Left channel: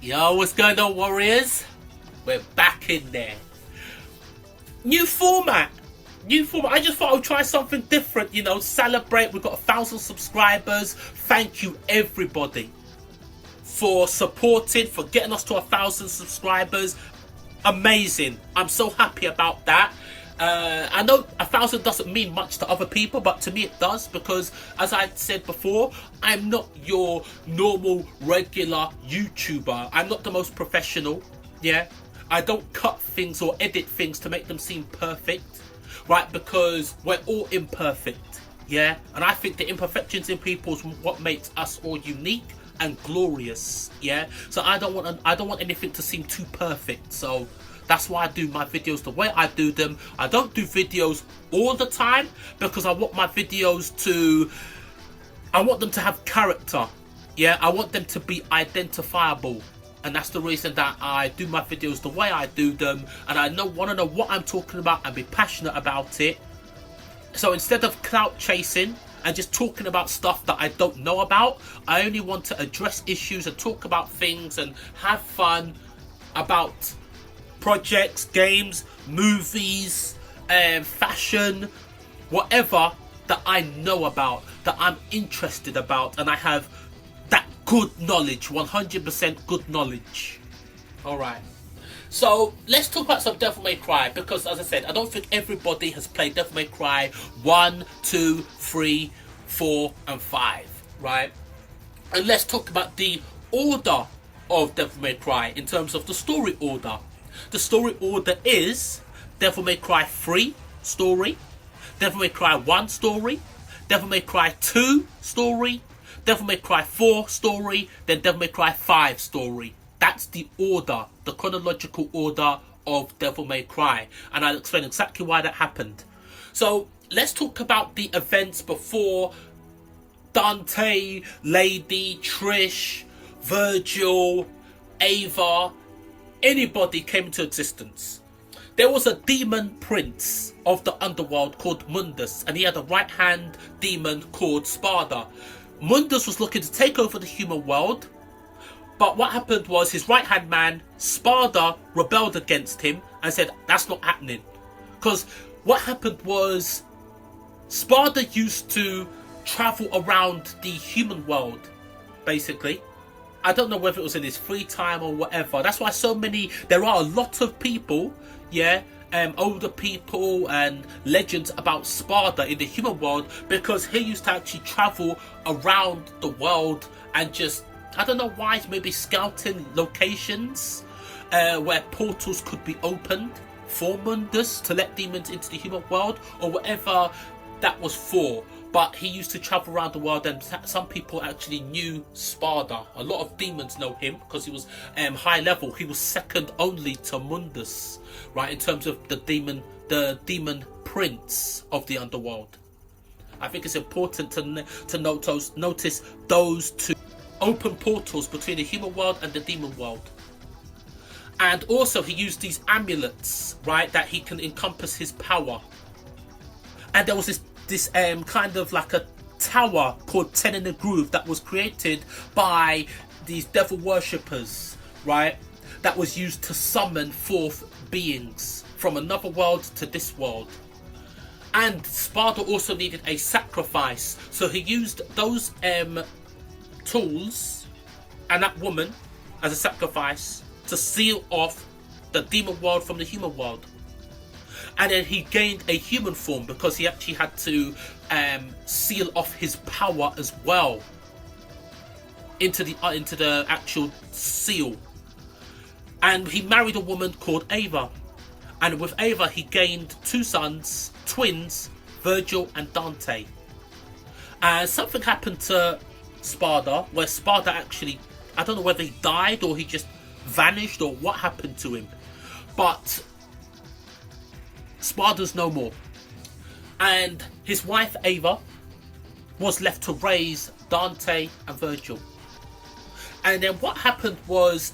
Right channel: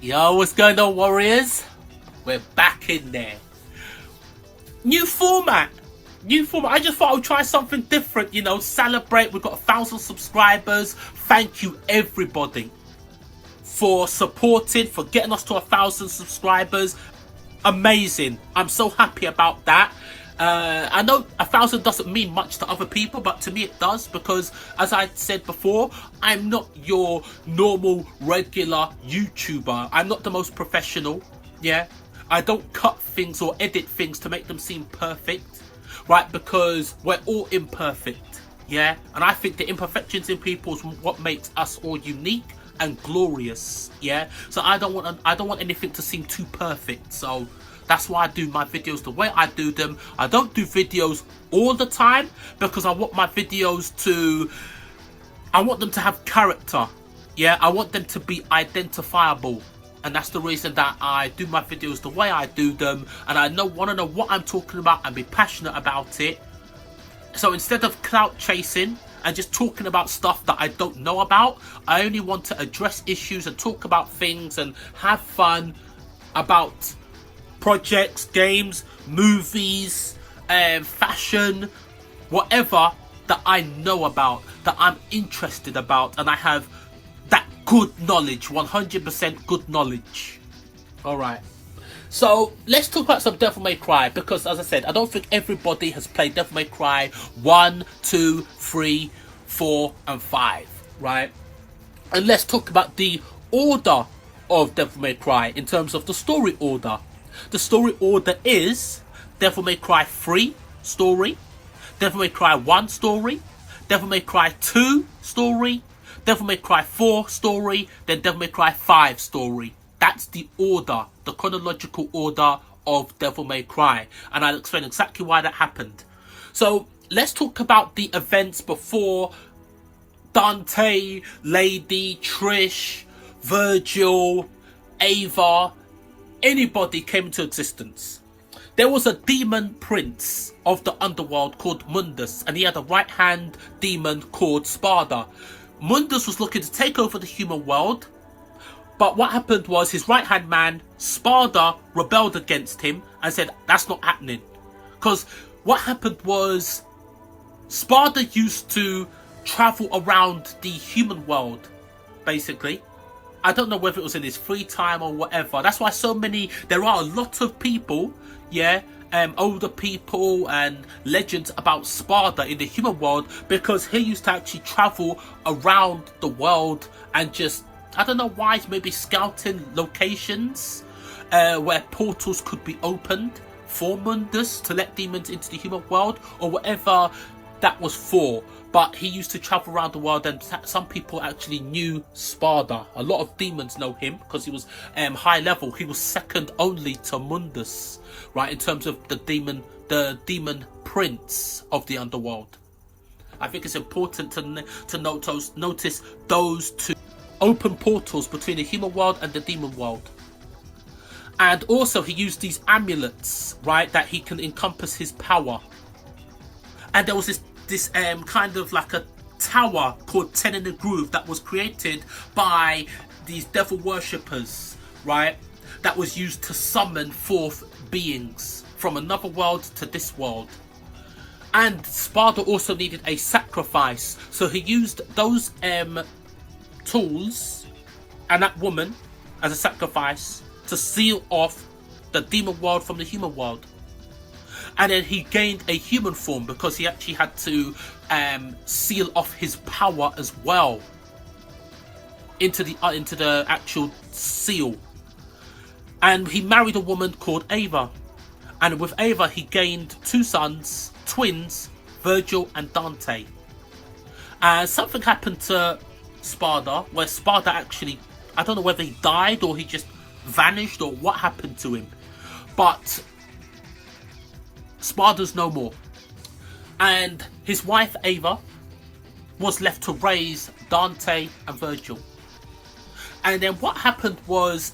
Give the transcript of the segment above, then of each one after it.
Yo, what's going on, warriors? We're back in there. New format. I just thought I would try something different, you know, celebrate. We've got 1,000 subscribers. Thank you, everybody, for supporting, for getting us to 1,000 subscribers. Amazing. I'm so happy about that. I know 1,000 doesn't mean much to other people, but to me it does, because as I said before, I'm not your normal regular YouTuber. I'm not the most professional. Yeah, I don't cut things or edit things to make them seem perfect, right? Because we're all imperfect. Yeah, and I think the imperfections in people is what makes us all unique and glorious. Yeah, so I don't want anything to seem too perfect. So that's why I do my videos the way I do them. I don't do videos all the time because I want my videos to have character. Yeah, I want them to be identifiable. And that's the reason that I do my videos the way I do them. And I want to know what I'm talking about and be passionate about it. So instead of clout chasing and just talking about stuff that I don't know about, I only want to address issues and talk about things and have fun about projects, games, movies, fashion, whatever that I know about, that I'm interested about, and I have that good knowledge, 100% good knowledge. Alright, so let's talk about some Devil May Cry, because as I said, I don't think everybody has played Devil May Cry 1, 2, 3, 4 and 5, right? And let's talk about the order of Devil May Cry in terms of the story order. The story order is Devil May Cry 3 story, Devil May Cry 1 story, Devil May Cry 2 story, Devil May Cry 4 story, then Devil May Cry 5 story. That's the order, the chronological order of Devil May Cry. And I'll explain exactly why that happened. So let's talk about the events before Dante, Lady, Trish, Virgil, Ava, anybody came into existence. There was a demon prince of the underworld called Mundus, and he had a right-hand demon called Sparda. Mundus was looking to take over the human world, but what happened was his right-hand man, Sparda, rebelled against him and said, that's not happening. Because what happened was Sparda used to travel around the human world, basically. I don't know whether it was in his free time or whatever. That's why there are a lot of people, yeah, older people and legends about Sparda in the human world, because he used to actually travel around the world and just, I don't know why, maybe scouting locations where portals could be opened for Mundus to let demons into the human world, or whatever that was for. But he used to travel around the world, and some people actually knew Sparda. A lot of demons know him because he was high level. He was second only to Mundus, right, in terms of the demon prince of the underworld. I think it's important to notice those two open portals between the human world and the demon world. And also he used these amulets, right, that he can encompass his power. And there was this kind of like a tower called 10 in a Groove that was created by these devil worshippers, right, that was used to summon forth beings from another world to this world. And Sparda also needed a sacrifice, so he used those tools and that woman as a sacrifice to seal off the demon world from the human world. And then he gained a human form because he actually had to seal off his power as well into the actual seal. And he married a woman called Ava, and with Ava he gained 2 sons, twins, Virgil and Dante. And something happened to Sparda, where Sparda actually, I don't know whether he died or he just vanished or what happened to him, but Sparda's no more. And his wife Ava was left to raise Dante and Virgil. And then what happened was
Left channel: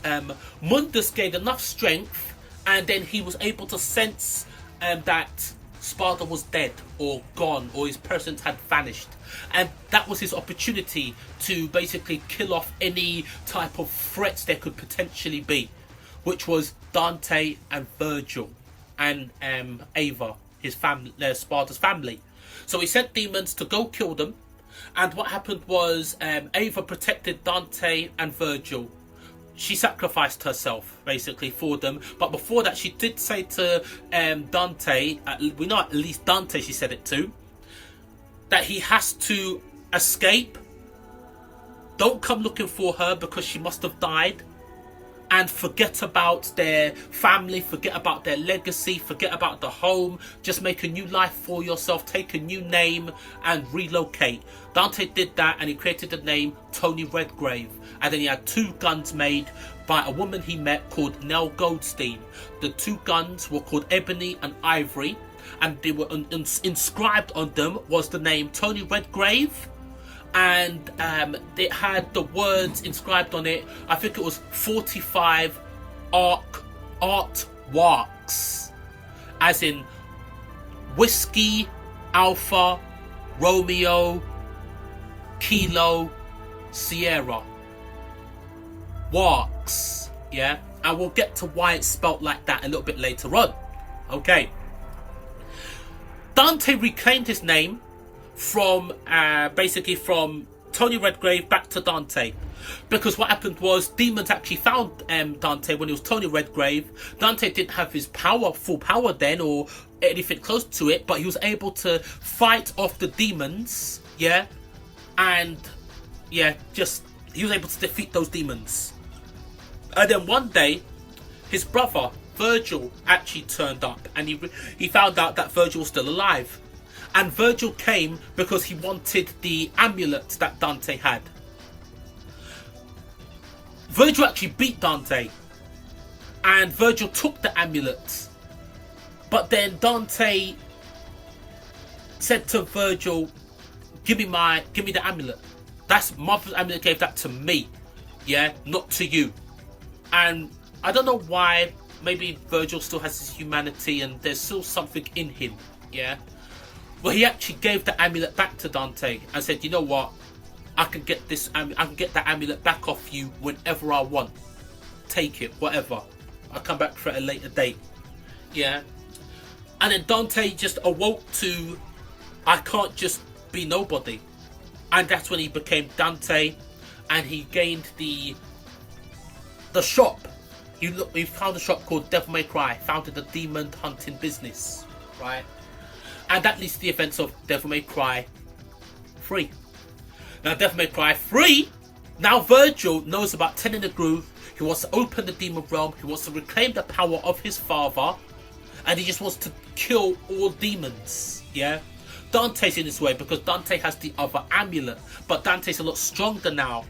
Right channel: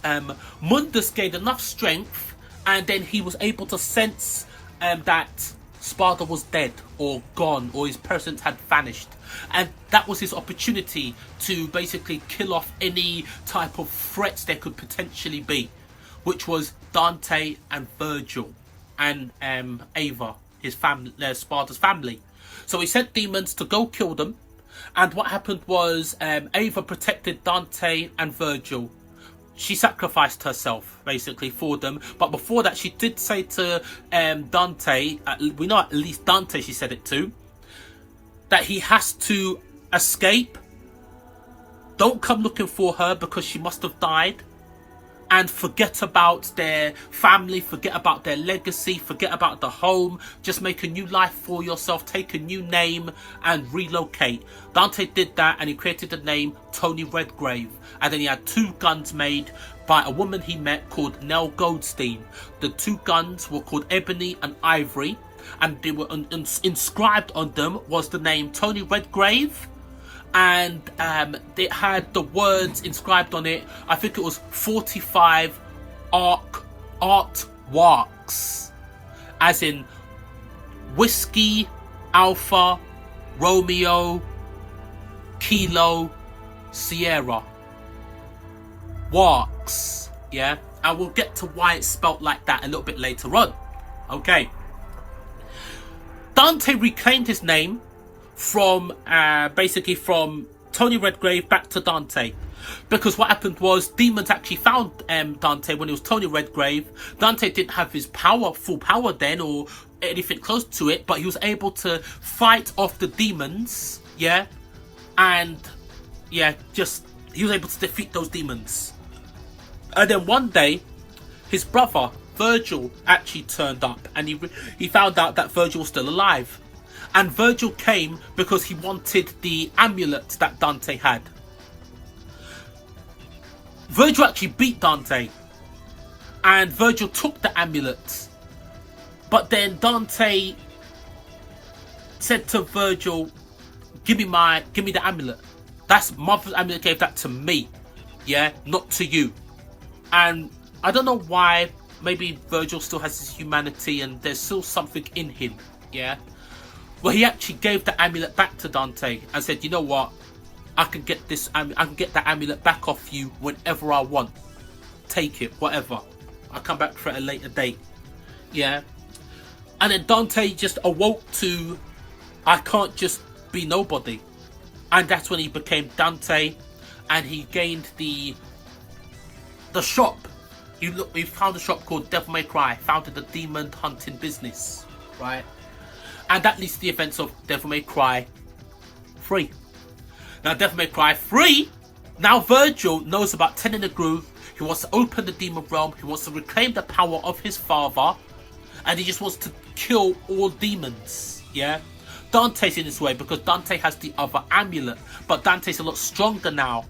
Mundus gained enough strength, and then he was able to sense that Sparta was dead or gone, or his presence had vanished. And that was his opportunity to basically kill off any type of threats there could potentially be, which was Dante and Virgil and Ava, his family, Sparta's family. So he sent demons to go kill them. And what happened was Ava protected Dante and Virgil. She sacrificed herself, basically, for them. But before that, she did say to Dante, we know at least Dante she said it to, that he has to escape. Don't come looking for her because she must have died. And forget about their family, forget about their legacy, forget about the home. Just make a new life for yourself, take a new name and relocate. Dante did that and he created the name Tony Redgrave. And then he had 2 guns made by a woman he met called Nell Goldstein. The 2 guns were called Ebony and Ivory. And they were inscribed on them was the name Tony Redgrave. And it had the words inscribed on it. I think it was 45 artworks, as in Whiskey, Alpha, Romeo, Kilo, Sierra. Works, yeah? And we'll get to why it's spelt like that a little bit later on. Okay. Dante reclaimed his name from basically from Tony Redgrave back to Dante, because what happened was demons actually found Dante when it was Tony Redgrave. Dante didn't have his full power then, or anything close to it, but he was able to fight off the demons, yeah, and yeah, he was able to defeat those demons. And then one day, his brother Virgil actually turned up, and he found out that Virgil was still alive. And Virgil came because he wanted the amulet that Dante had. Virgil actually beat Dante. And Virgil took the amulet. But then Dante said to Virgil, give me the amulet. That's Mother's amulet, gave that to me. Yeah, not to you. And I don't know why. Maybe Virgil still has his humanity and there's still something in him. Yeah. Well, he actually gave the amulet back to Dante and said, you know what, I can get that amulet back off you whenever I want. Take it, whatever. I'll come back for it at a later date. Yeah. And then Dante just awoke to, I can't just be nobody. And that's when he became Dante, and he gained the shop. He found a shop called Devil May Cry, founded a demon hunting business, right? And that leads to the events of Devil May Cry 3. Now, Devil May Cry 3, now Virgil knows about 10 in the Groove. He wants to open the demon realm. He wants to reclaim the power of his father. And he just wants to kill all demons, yeah? Dante's in his way because Dante has the other amulet. But Dante's a lot stronger now.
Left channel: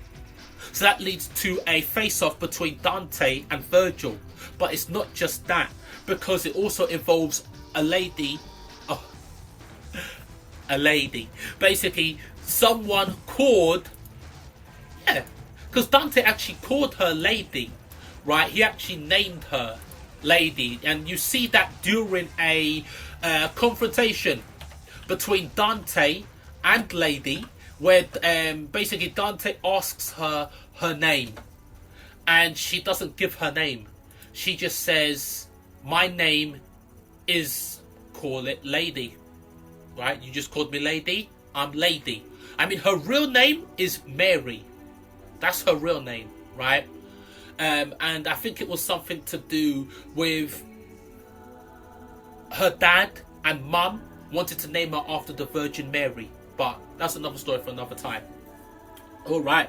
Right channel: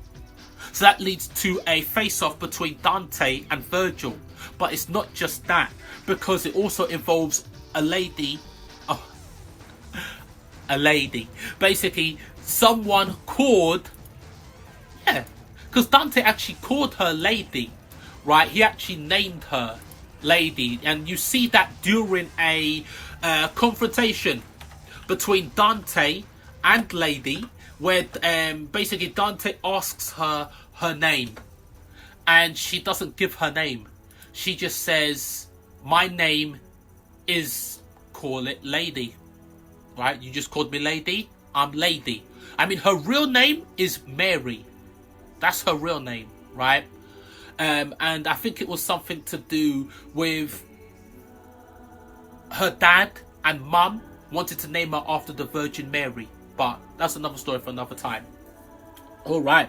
So that leads to a face-off between Dante and Virgil. But it's not just that, because it also involves a lady. Basically, someone called, yeah, because Dante actually called her Lady, right? He actually named her Lady, and you see that during a confrontation between Dante and Lady, where basically Dante asks her name, and she doesn't give her name. She just says, my name is, call it Lady. Right, you just called me Lady. I'm Lady. I mean, her real name is Mary. That's her real name, right? And I think it was something to do with her dad and mum wanted to name her after the Virgin Mary. But that's another story for another time. All right.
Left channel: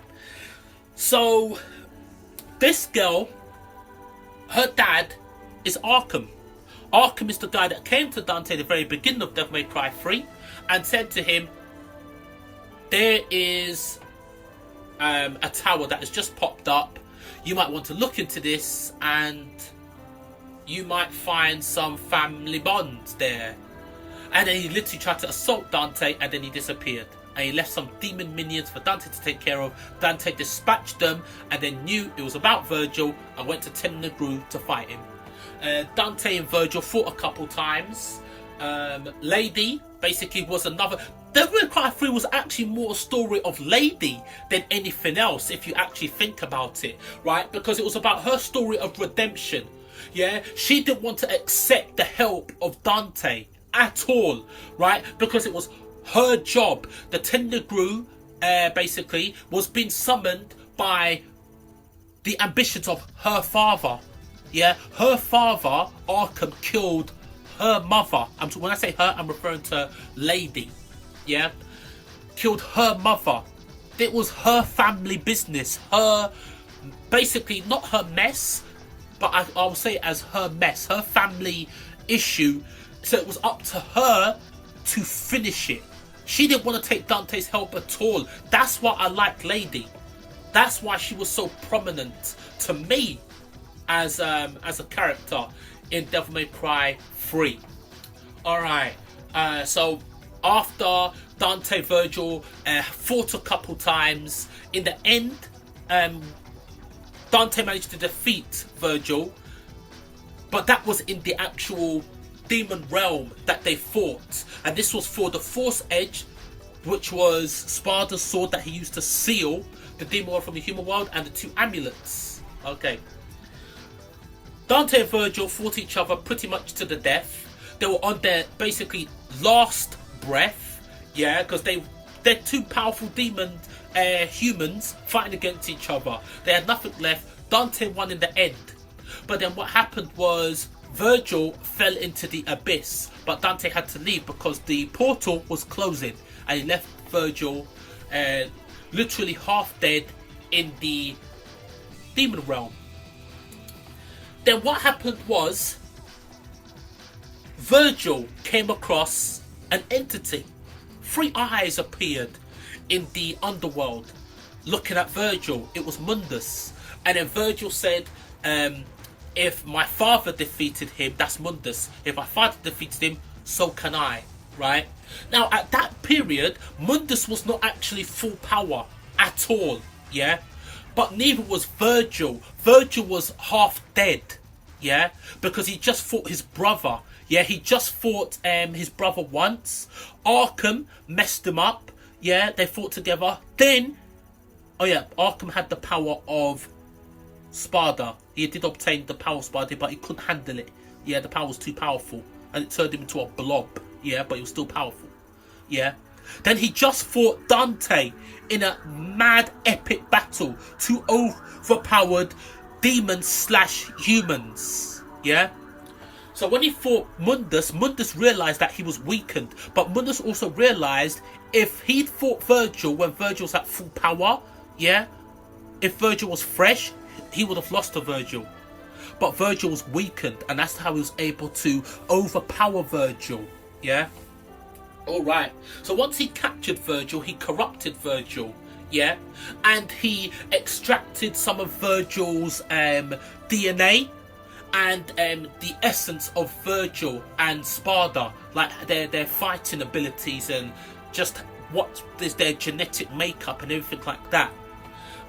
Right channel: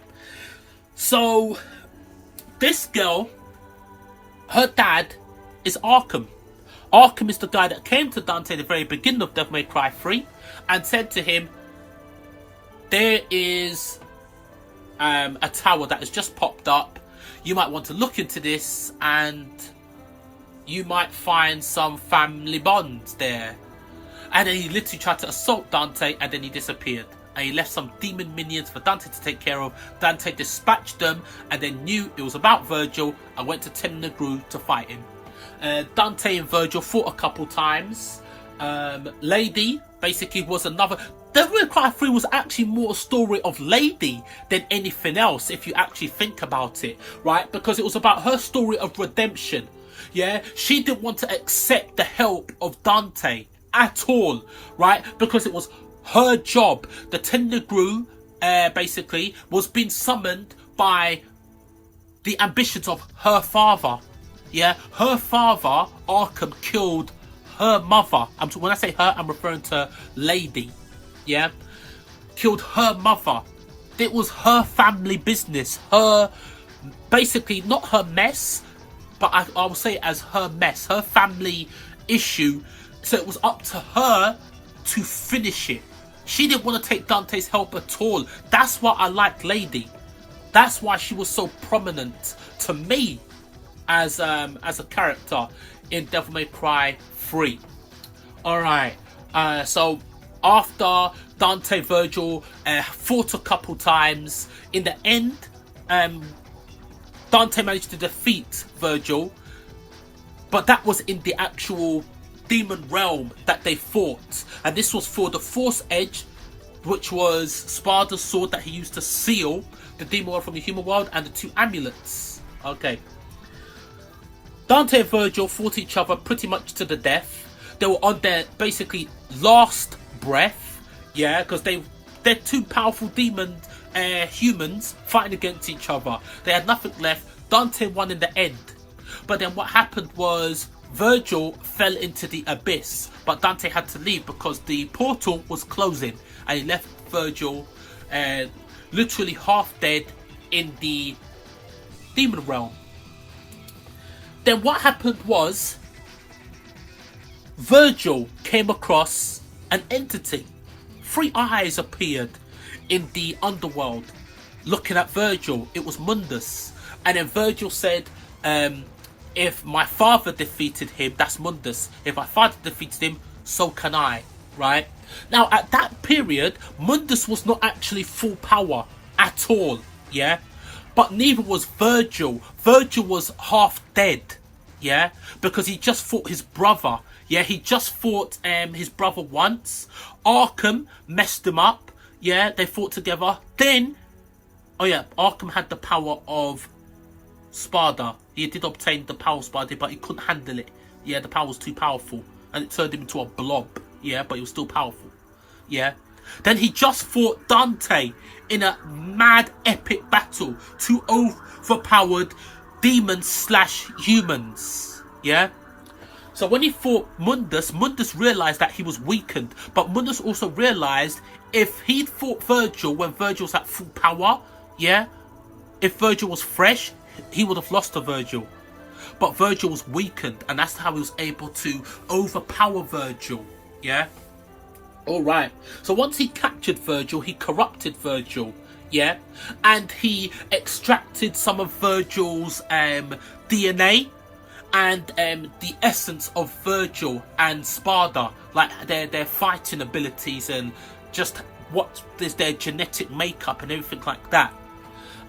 So, this girl, her dad is Arkham. Arkham is the guy that came to Dante at the very beginning of Devil May Cry 3 and said to him, there is a tower that has just popped up. You might want to look into this and you might find some family bonds there. And then he literally tried to assault Dante and then he disappeared. And he left some demon minions for Dante to take care of. Dante dispatched them and then knew it was about Virgil and went to Ten in the Groove to fight him. Dante and Virgil fought a couple times, Lady basically was another. Devil May Cry 3 was actually more a story of Lady than anything else, if you actually think about it, right? Because it was about her story of redemption. Yeah, she didn't want to accept the help of Dante at all, right? Because it was her job. The Tendergru basically was being summoned by the ambitions of her father. Yeah, her father, Arkham, killed her mother. When I say her, I'm referring to Lady. Yeah, killed her mother. It was her family business. Her, basically, not her mess, but I will say it as her mess, her family issue. So it was up to her to finish it. She didn't want to take Dante's help at all. That's why I like Lady. That's why she was so prominent to me as a character in Devil May Cry 3. Alright, so after Dante Virgil fought a couple times, in the end, Dante managed to defeat Virgil, but that was in the actual demon realm that they fought, and this was for the Force Edge, which was Sparda's sword that he used to seal the demon world from the human world, and the 2 amulets. Okay. Dante and Virgil fought each other pretty much to the death. They were on their basically last breath, yeah, because they're 2 powerful demon humans fighting against each other. They had nothing left. Dante won in the end. But then what happened was Virgil fell into the abyss, but Dante had to leave because the portal was closing, and he left Virgil literally half dead in the demon realm. Then what happened was Virgil came across an entity. 3 eyes appeared in the underworld looking at Virgil. It was Mundus. And then Virgil said, if my father defeated him, that's Mundus. If my father defeated him, so can I. Right? Now, at that period, Mundus was not actually full power at all. Yeah? But neither was Virgil. Virgil was half dead. Yeah? Because he just fought his brother. Yeah, he just fought his brother once. Arkham messed him up. Yeah, they fought together. Then, oh yeah, Arkham had the power of Sparda. He did obtain the power of Sparda, but he couldn't handle it. Yeah, the power was too powerful. And it turned him into a blob. Yeah, but he was still powerful. Yeah. Then he just fought Dante in a mad epic battle. 2 overpowered demons/humans. Yeah. So when he fought Mundus, Mundus realised that he was weakened. But Mundus also realised if he'd fought Virgil when Virgil was at full power, yeah, if Virgil was fresh, he would have lost to Virgil. But Virgil was weakened, and that's how he was able to overpower Virgil, yeah? Alright, so once he captured Virgil, he corrupted Virgil, yeah? And he extracted some of Virgil's DNA, and the essence of Virgil and Sparda, like their fighting abilities and just what is their genetic makeup and everything like that.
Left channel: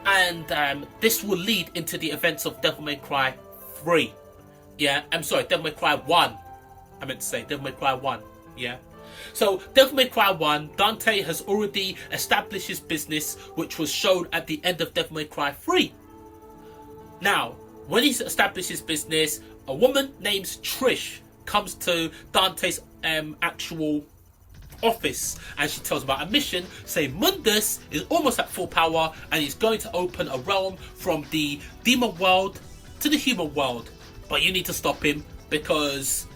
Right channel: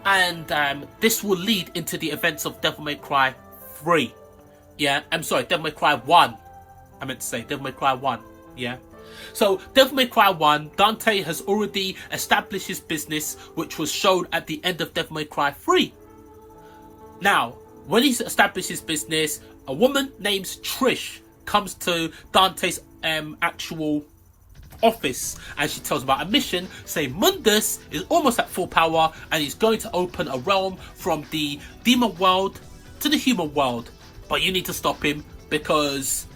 And this will lead into the events of Devil May Cry 3. Yeah, I'm sorry, Devil May Cry 1. I meant to say Devil May Cry 1. Yeah. So Devil May Cry 1, Dante has already established his business, which was shown at the end of Devil May Cry 3. Now, when he's established his business, a woman named Trish comes to Dante's actual office, and she tells about a mission saying Mundus is almost at full power and he's going to open a realm from the demon world to the human world, but you need to stop him because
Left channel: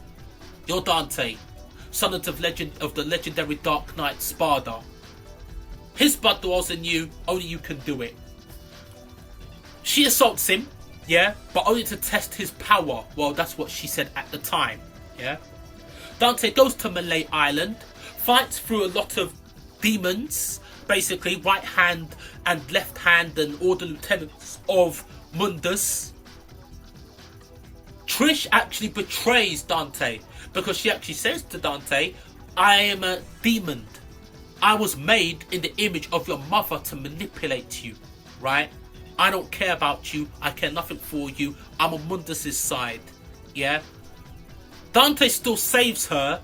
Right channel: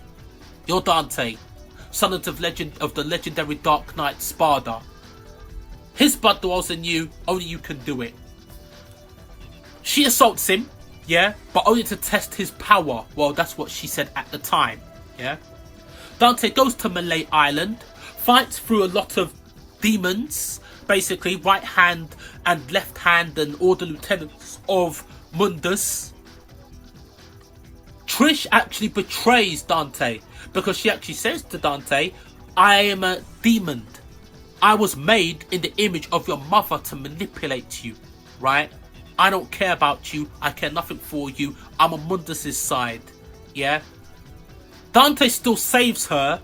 you're Dante, son of the legendary Dark Knight Sparda. His blood dwells in you, only you can do it. She assaults him, yeah, but only to test his power. Well, that's what she said at the time, yeah. Dante goes to Malay Island, fights through a lot of demons, basically right hand and left hand and all the lieutenants of Mundus. Trish actually betrays Dante because she actually says to Dante, I am a demon. I was made in the image of your mother to manipulate you, right? I don't care about you. I care nothing for you. I'm on Mundus's side, yeah? Dante still saves her,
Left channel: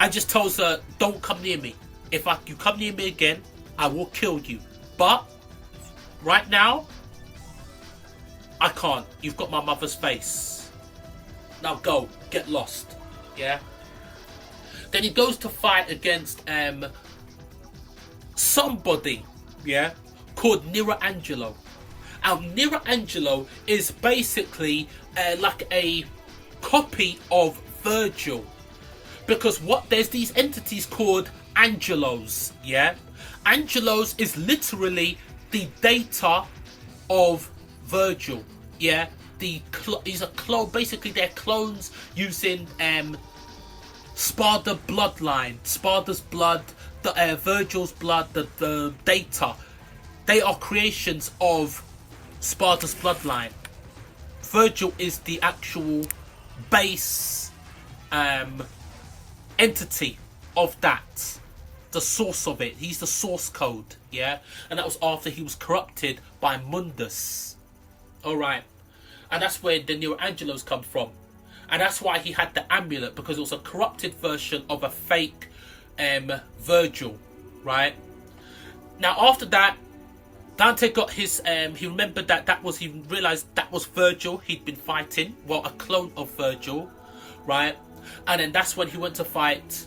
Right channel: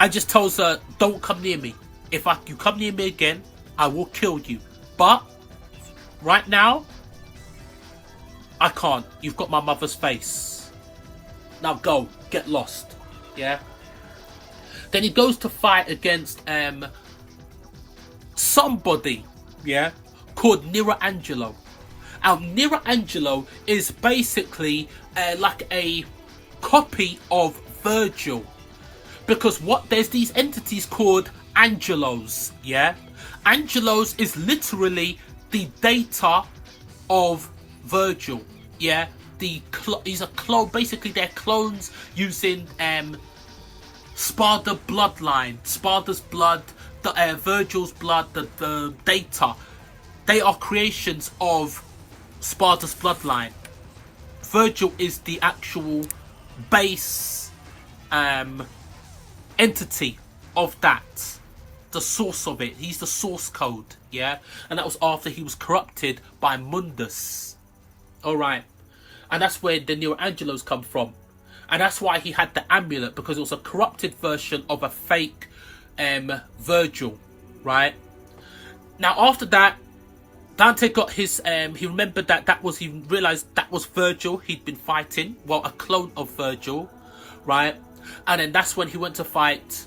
and just tells her, don't come near me. If you come near me again, I will kill you. But right now, I can't. You've got my mother's face. Now go, get lost. Yeah. Then he goes to fight against somebody, yeah, called Nero Angelo. And Nero Angelo is basically like a copy of Virgil, because there's these entities called Angelos, yeah. Angelos is literally the data of Virgil, yeah. These are basically they're clones using Sparta bloodline, Sparta's blood, Virgil's blood, the data. They are creations of Sparta's bloodline. Virgil is the actual base entity of that, the source of it. He's the source code, yeah. And that was after he was corrupted by Mundus. All right, and that's where the Neo Angelos come from. And that's why he had the amulet, because it was a corrupted version of a fake Virgil, right? Now after that, Dante got his, he remembered he realised that was Virgil he'd been fighting. Well, a clone of Virgil, right? And then that's when he went to fight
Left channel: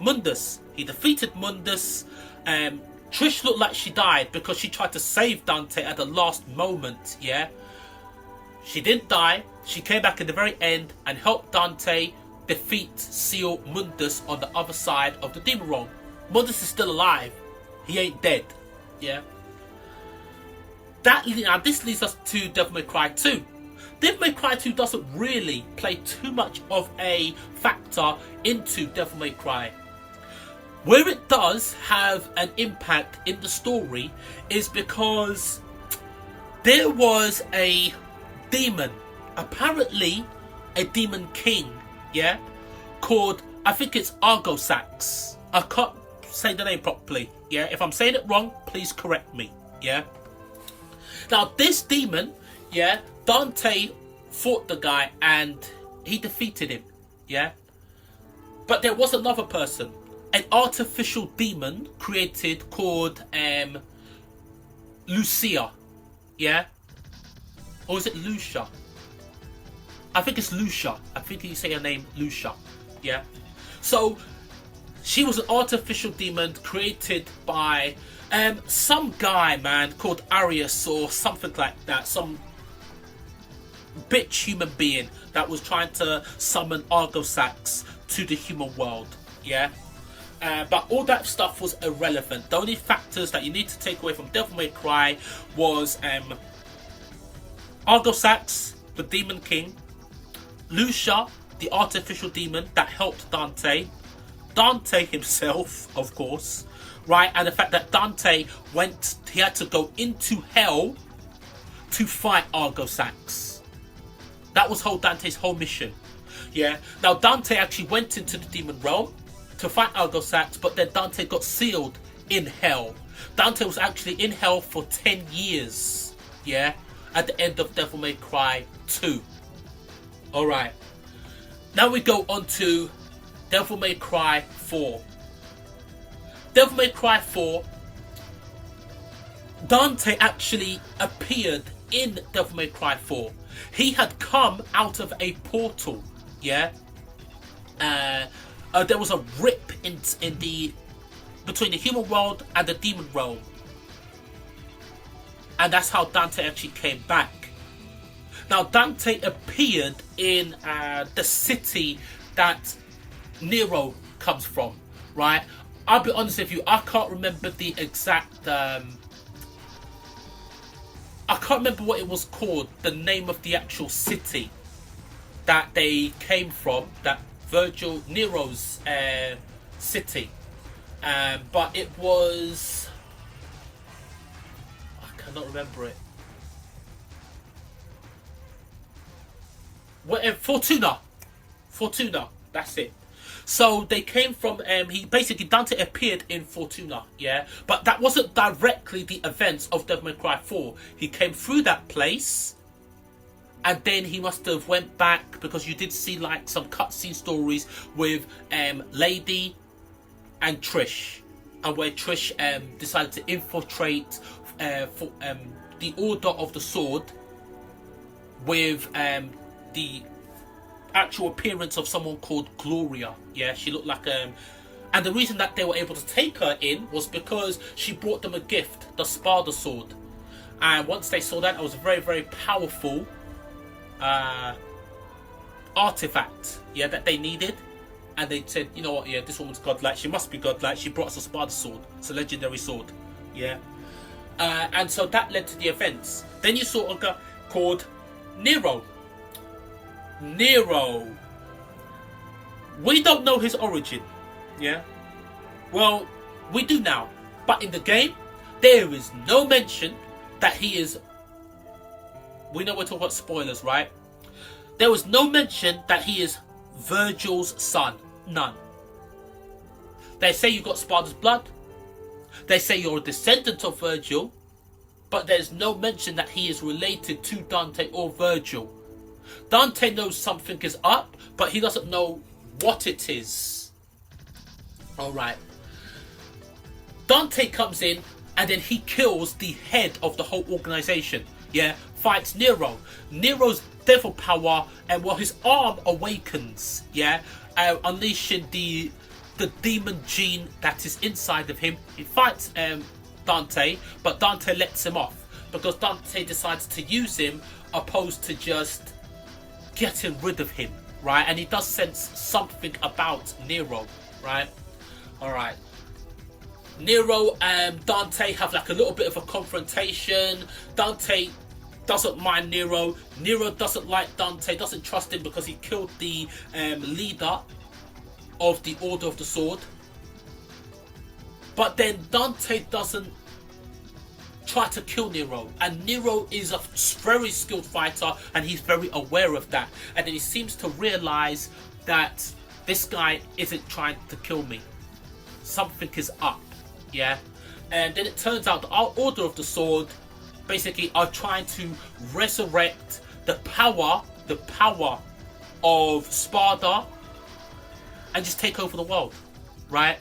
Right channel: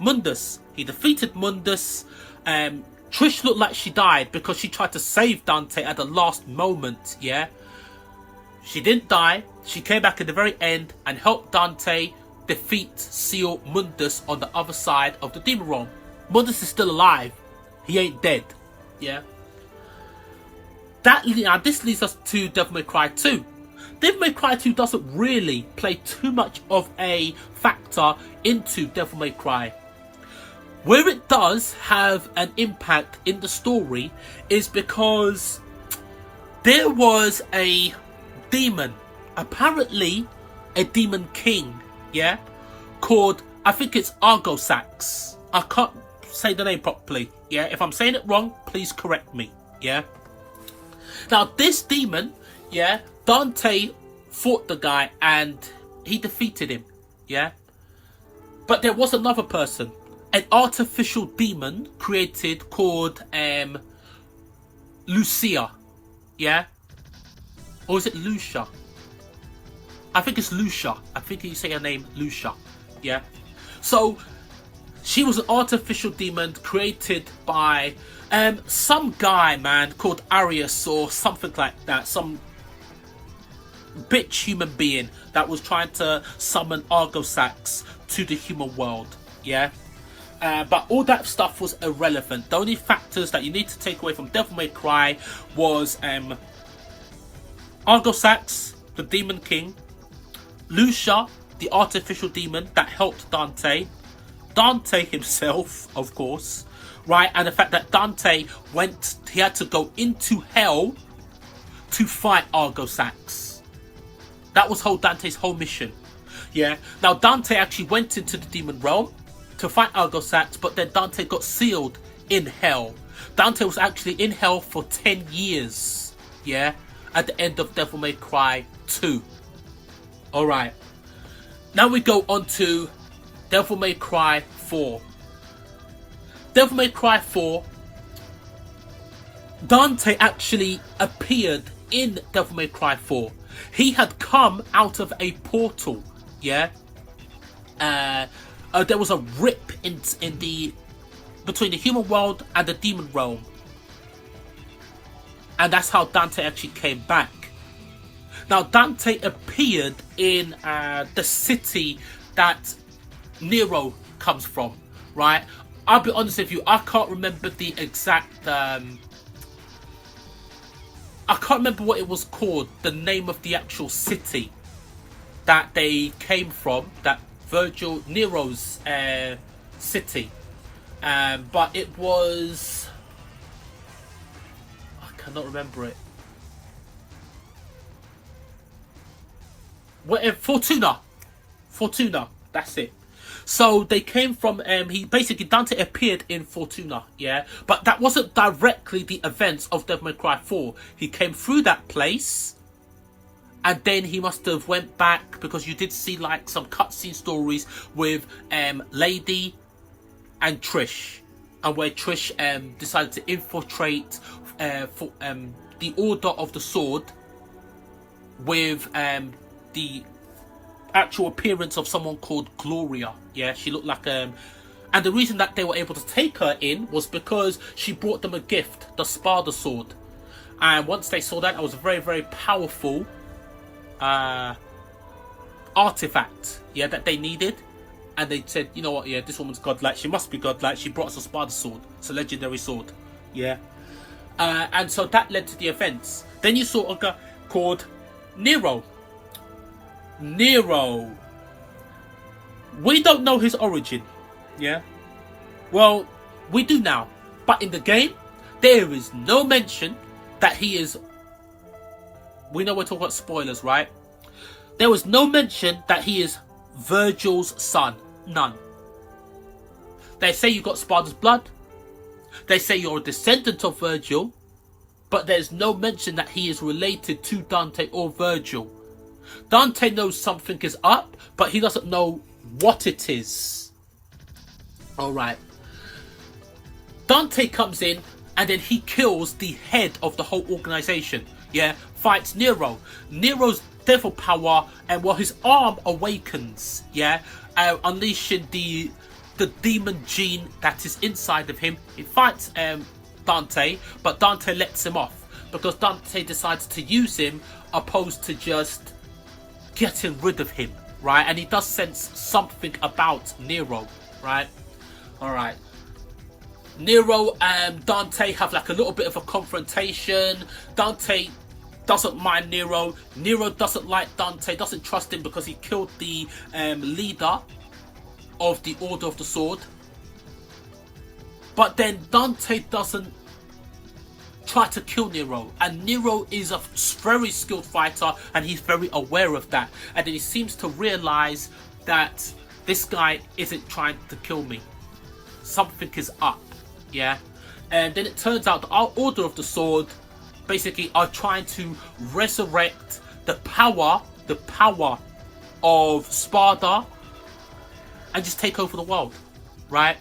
Mundus. He defeated Mundus. Trish looked like she died because she tried to save Dante at the last moment, yeah? She didn't die. She came back at the very end and helped Dante defeat Seal Mundus on the other side of the demon realm. Mundus is still alive. He ain't dead. Yeah. Now this leads us to Devil May Cry 2. Devil May Cry 2 doesn't really play too much of a factor into Devil May Cry. Where it does have an impact in the story is because there was a demon, apparently a demon king, yeah, called, I think it's Argosax. I can't say the name properly, yeah. If I'm saying it wrong, please correct me, yeah. Now this demon, yeah, Dante fought the guy and he defeated him, yeah. But there was another person, an artificial demon created called Lucia, yeah. Or is it Lucia? I think it's Lucia. I think you say her name Lucia. Yeah. So she was an artificial demon created by some guy, man, called Arius or something like that. Some bitch human being that was trying to summon Argosax to the human world. Yeah. But all that stuff was irrelevant. The only factors that you need to take away from Devil May Cry was Argosax, the Demon King, Lucia, the artificial demon that helped Dante, Dante himself, of course, right, and the fact that Dante he had to go into hell to fight Argosax. That was Dante's whole mission. Yeah. Now Dante actually went into the demon realm to fight Argosax, but then Dante got sealed in hell. Dante was actually in hell for 10 years. Yeah. At the end of Devil May Cry 2. Alright. Now we go on to Devil May Cry 4. Devil May Cry 4. Dante actually appeared in Devil May Cry 4. He had come out of a portal. Yeah. There was a rip in between the human world and the demon realm. And that's how Dante actually came back. Now Dante appeared in the city that Nero comes from, right? I'll be honest with you, I can't remember the exact I can't remember what it was called, the name of the actual city that they came from, that Nero's city. But it was, I cannot remember it. Fortuna, that's it. So they came from, Dante appeared in Fortuna, yeah? But that wasn't directly the events of Devil May Cry 4. He came through that place And then he must have went back, because you did see like some cutscene stories with Lady and Trish, and where Trish decided to infiltrate the Order of the Sword with the actual appearance of someone called Gloria. Yeah, she looked like and the reason that they were able to take her in was because she brought them a gift, the Spada sword. And once they saw that, it was a very, very powerful artifact, yeah, that they needed. And they said, you know what, yeah, this woman's godlike, she must be godlike, she brought us a Spada sword. It's a legendary sword, yeah. And so that led to the events. Then you saw a guy called Nero. We don't know his origin, yeah. Well, we do now, but in the game there is no mention that he is, we know we're talking about spoilers, right? There was no mention that he is Virgil's son. None. They say you got Spada's blood, they say you're a descendant of Virgil, but there's no mention that he is related to Dante or Virgil. Dante knows something is up, but he doesn't know what it is. Alright. Dante comes in and then he kills the head of the whole organization. Yeah, fights Nero. Nero's devil power, and well, his arm awakens. Yeah, unleashing the demon gene that is inside of him. He fights Dante, but Dante lets him off because Dante decides to use him opposed to just getting rid of him, right? And he does sense something about Nero, right? Alright. Nero and Dante have like a little bit of a confrontation. Dante doesn't mind Nero. Nero doesn't like Dante, doesn't trust him because he killed the leader of the Order of the Sword. But then Dante doesn't try to kill Nero, and Nero is a very skilled fighter and he's very aware of that, and then he seems to realize that this guy isn't trying to kill me, something is up, yeah. And then it turns out our Order of the Sword basically are trying to resurrect the power of Spada and just take over the world, right?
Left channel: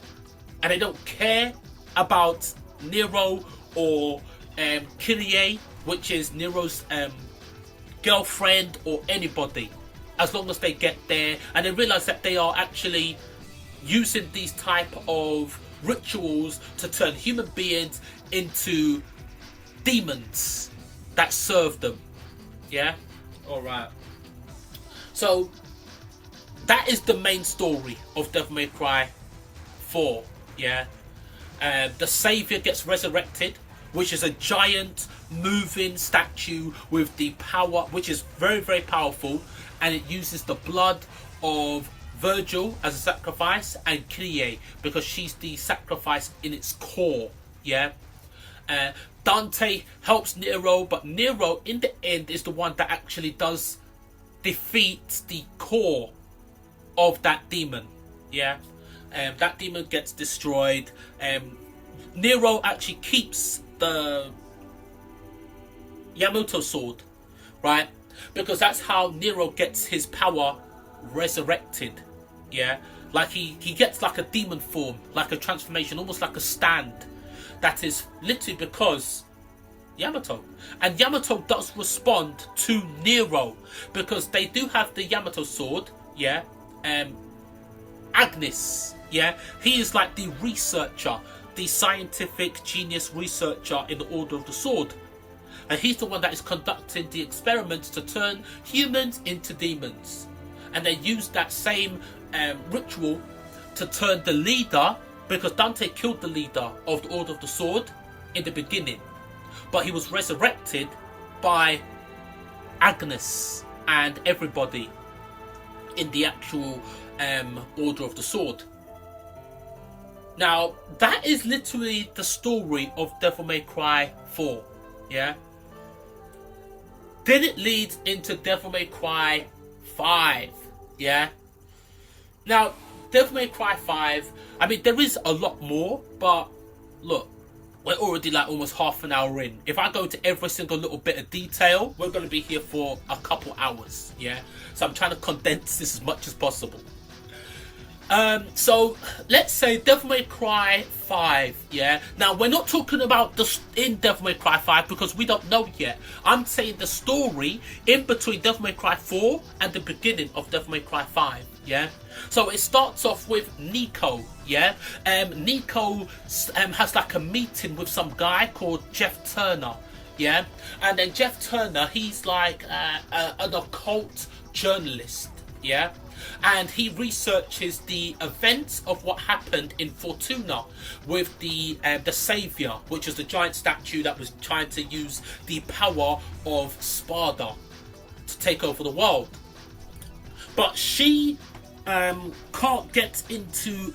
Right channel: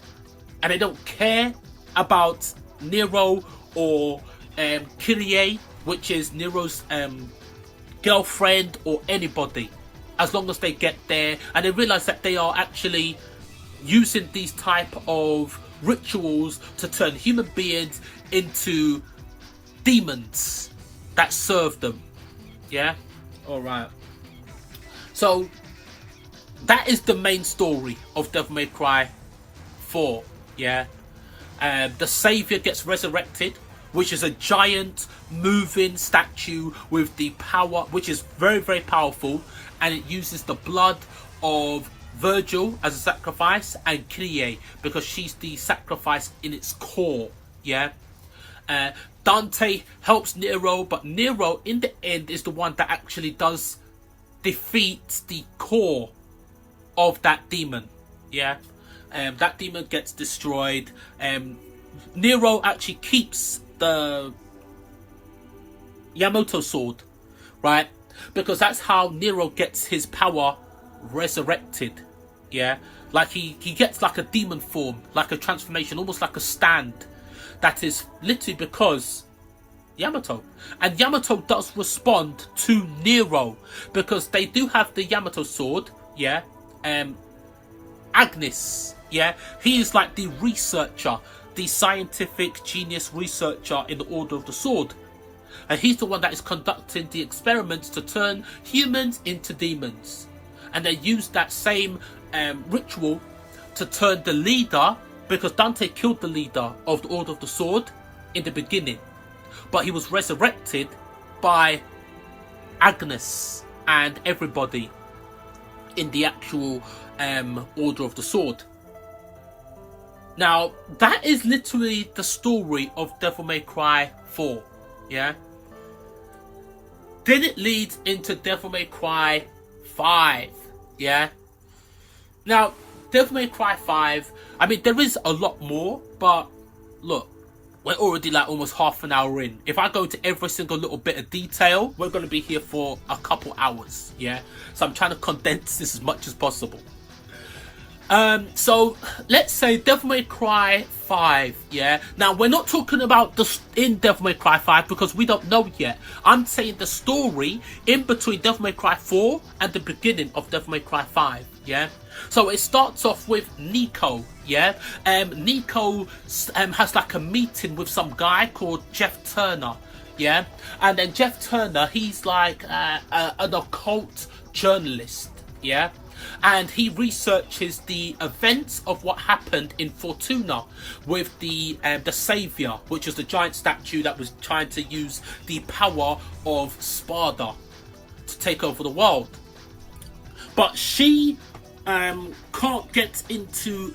And they don't care about Nero or Kyrie, which is Nero's girlfriend, or anybody, as long as they get there. And they realize that they are actually using these type of rituals to turn human beings into demons that serve them. Yeah, all right. So that is the main story of Devil May Cry 4. Yeah, the Savior gets resurrected, which is a giant moving statue with the power, which is very, very powerful, and it uses the blood of Virgil as a sacrifice, and Kyrie because she's the sacrifice in its core. Yeah. Dante helps Nero, but Nero in the end is the one that actually does defeat the core of that demon. Yeah. That demon gets destroyed. Nero actually keeps the Yamato sword, right? Because that's how Nero gets his power resurrected. Yeah, like he gets like a demon form, like a transformation, almost like a stand. That is literally because Yamato. And Yamato does respond to Nero because they do have the Yamato sword. Yeah, Agnes. Yeah, he is like the researcher, the scientific genius researcher in the Order of the Sword. And he's the one that is conducting the experiments to turn humans into demons. And they use that same ritual to turn the leader, because Dante killed the leader of the Order of the Sword in the beginning. But he was resurrected by Agnes and everybody in the actual Order of the Sword. Now, that is literally the story of Devil May Cry 4, yeah? Then it leads into Devil May Cry 5, yeah? Now, Devil May Cry 5, I mean, there is a lot more, but look, We're already like almost half an hour in. If I go into every single little bit of detail, we're going to be here for a couple hours, yeah? So I'm trying to condense this as much as possible. So let's say Devil May Cry 5, yeah? Now, we're not talking about in Devil May Cry 5 because we don't know yet. I'm saying the story in between Devil May Cry 4 and the beginning of Devil May Cry 5, yeah? So it starts off with Nico, yeah? Nico has like a meeting with some guy called Jeff Turner, yeah? And then Jeff Turner, he's like an occult journalist, yeah? And he researches the events of what happened in Fortuna with the Savior, which is the giant statue that was trying to use the power of Sparda to take over the world. But she can't get into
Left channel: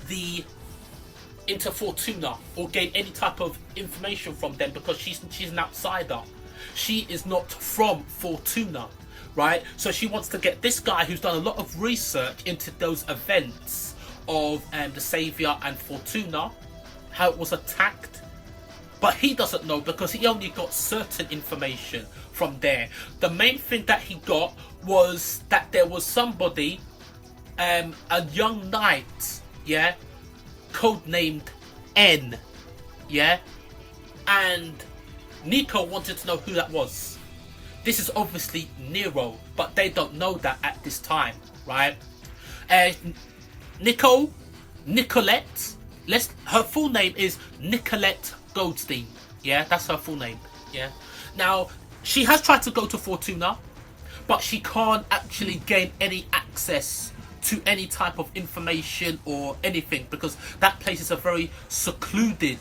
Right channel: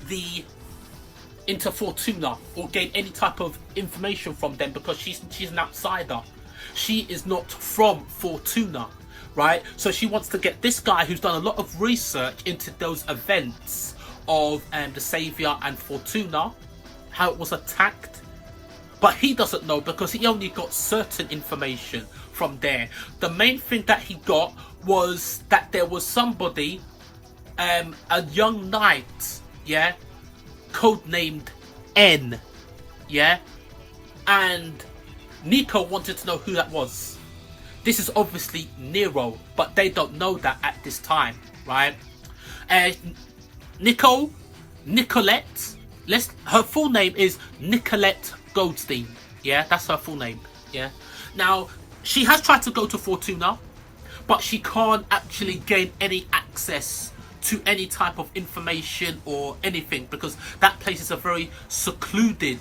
Fortuna or gain any type of information from them because she's an outsider. She is not from Fortuna. Right, so she wants to get this guy who's done a lot of research into those events of the Savior and Fortuna, how it was attacked, but he doesn't know because he only got certain information from there. The main thing that he got was that there was somebody, a young knight, yeah, codenamed N, yeah, and Nico wanted to know who that was. This is obviously Nero, but they don't know that at this time, right? Nicolette, her full name is Nicolette Goldstein. Yeah, that's her full name. Yeah. Now, she has tried to go to Fortuna, but she can't actually gain any access to any type of information or anything because that place is a very secluded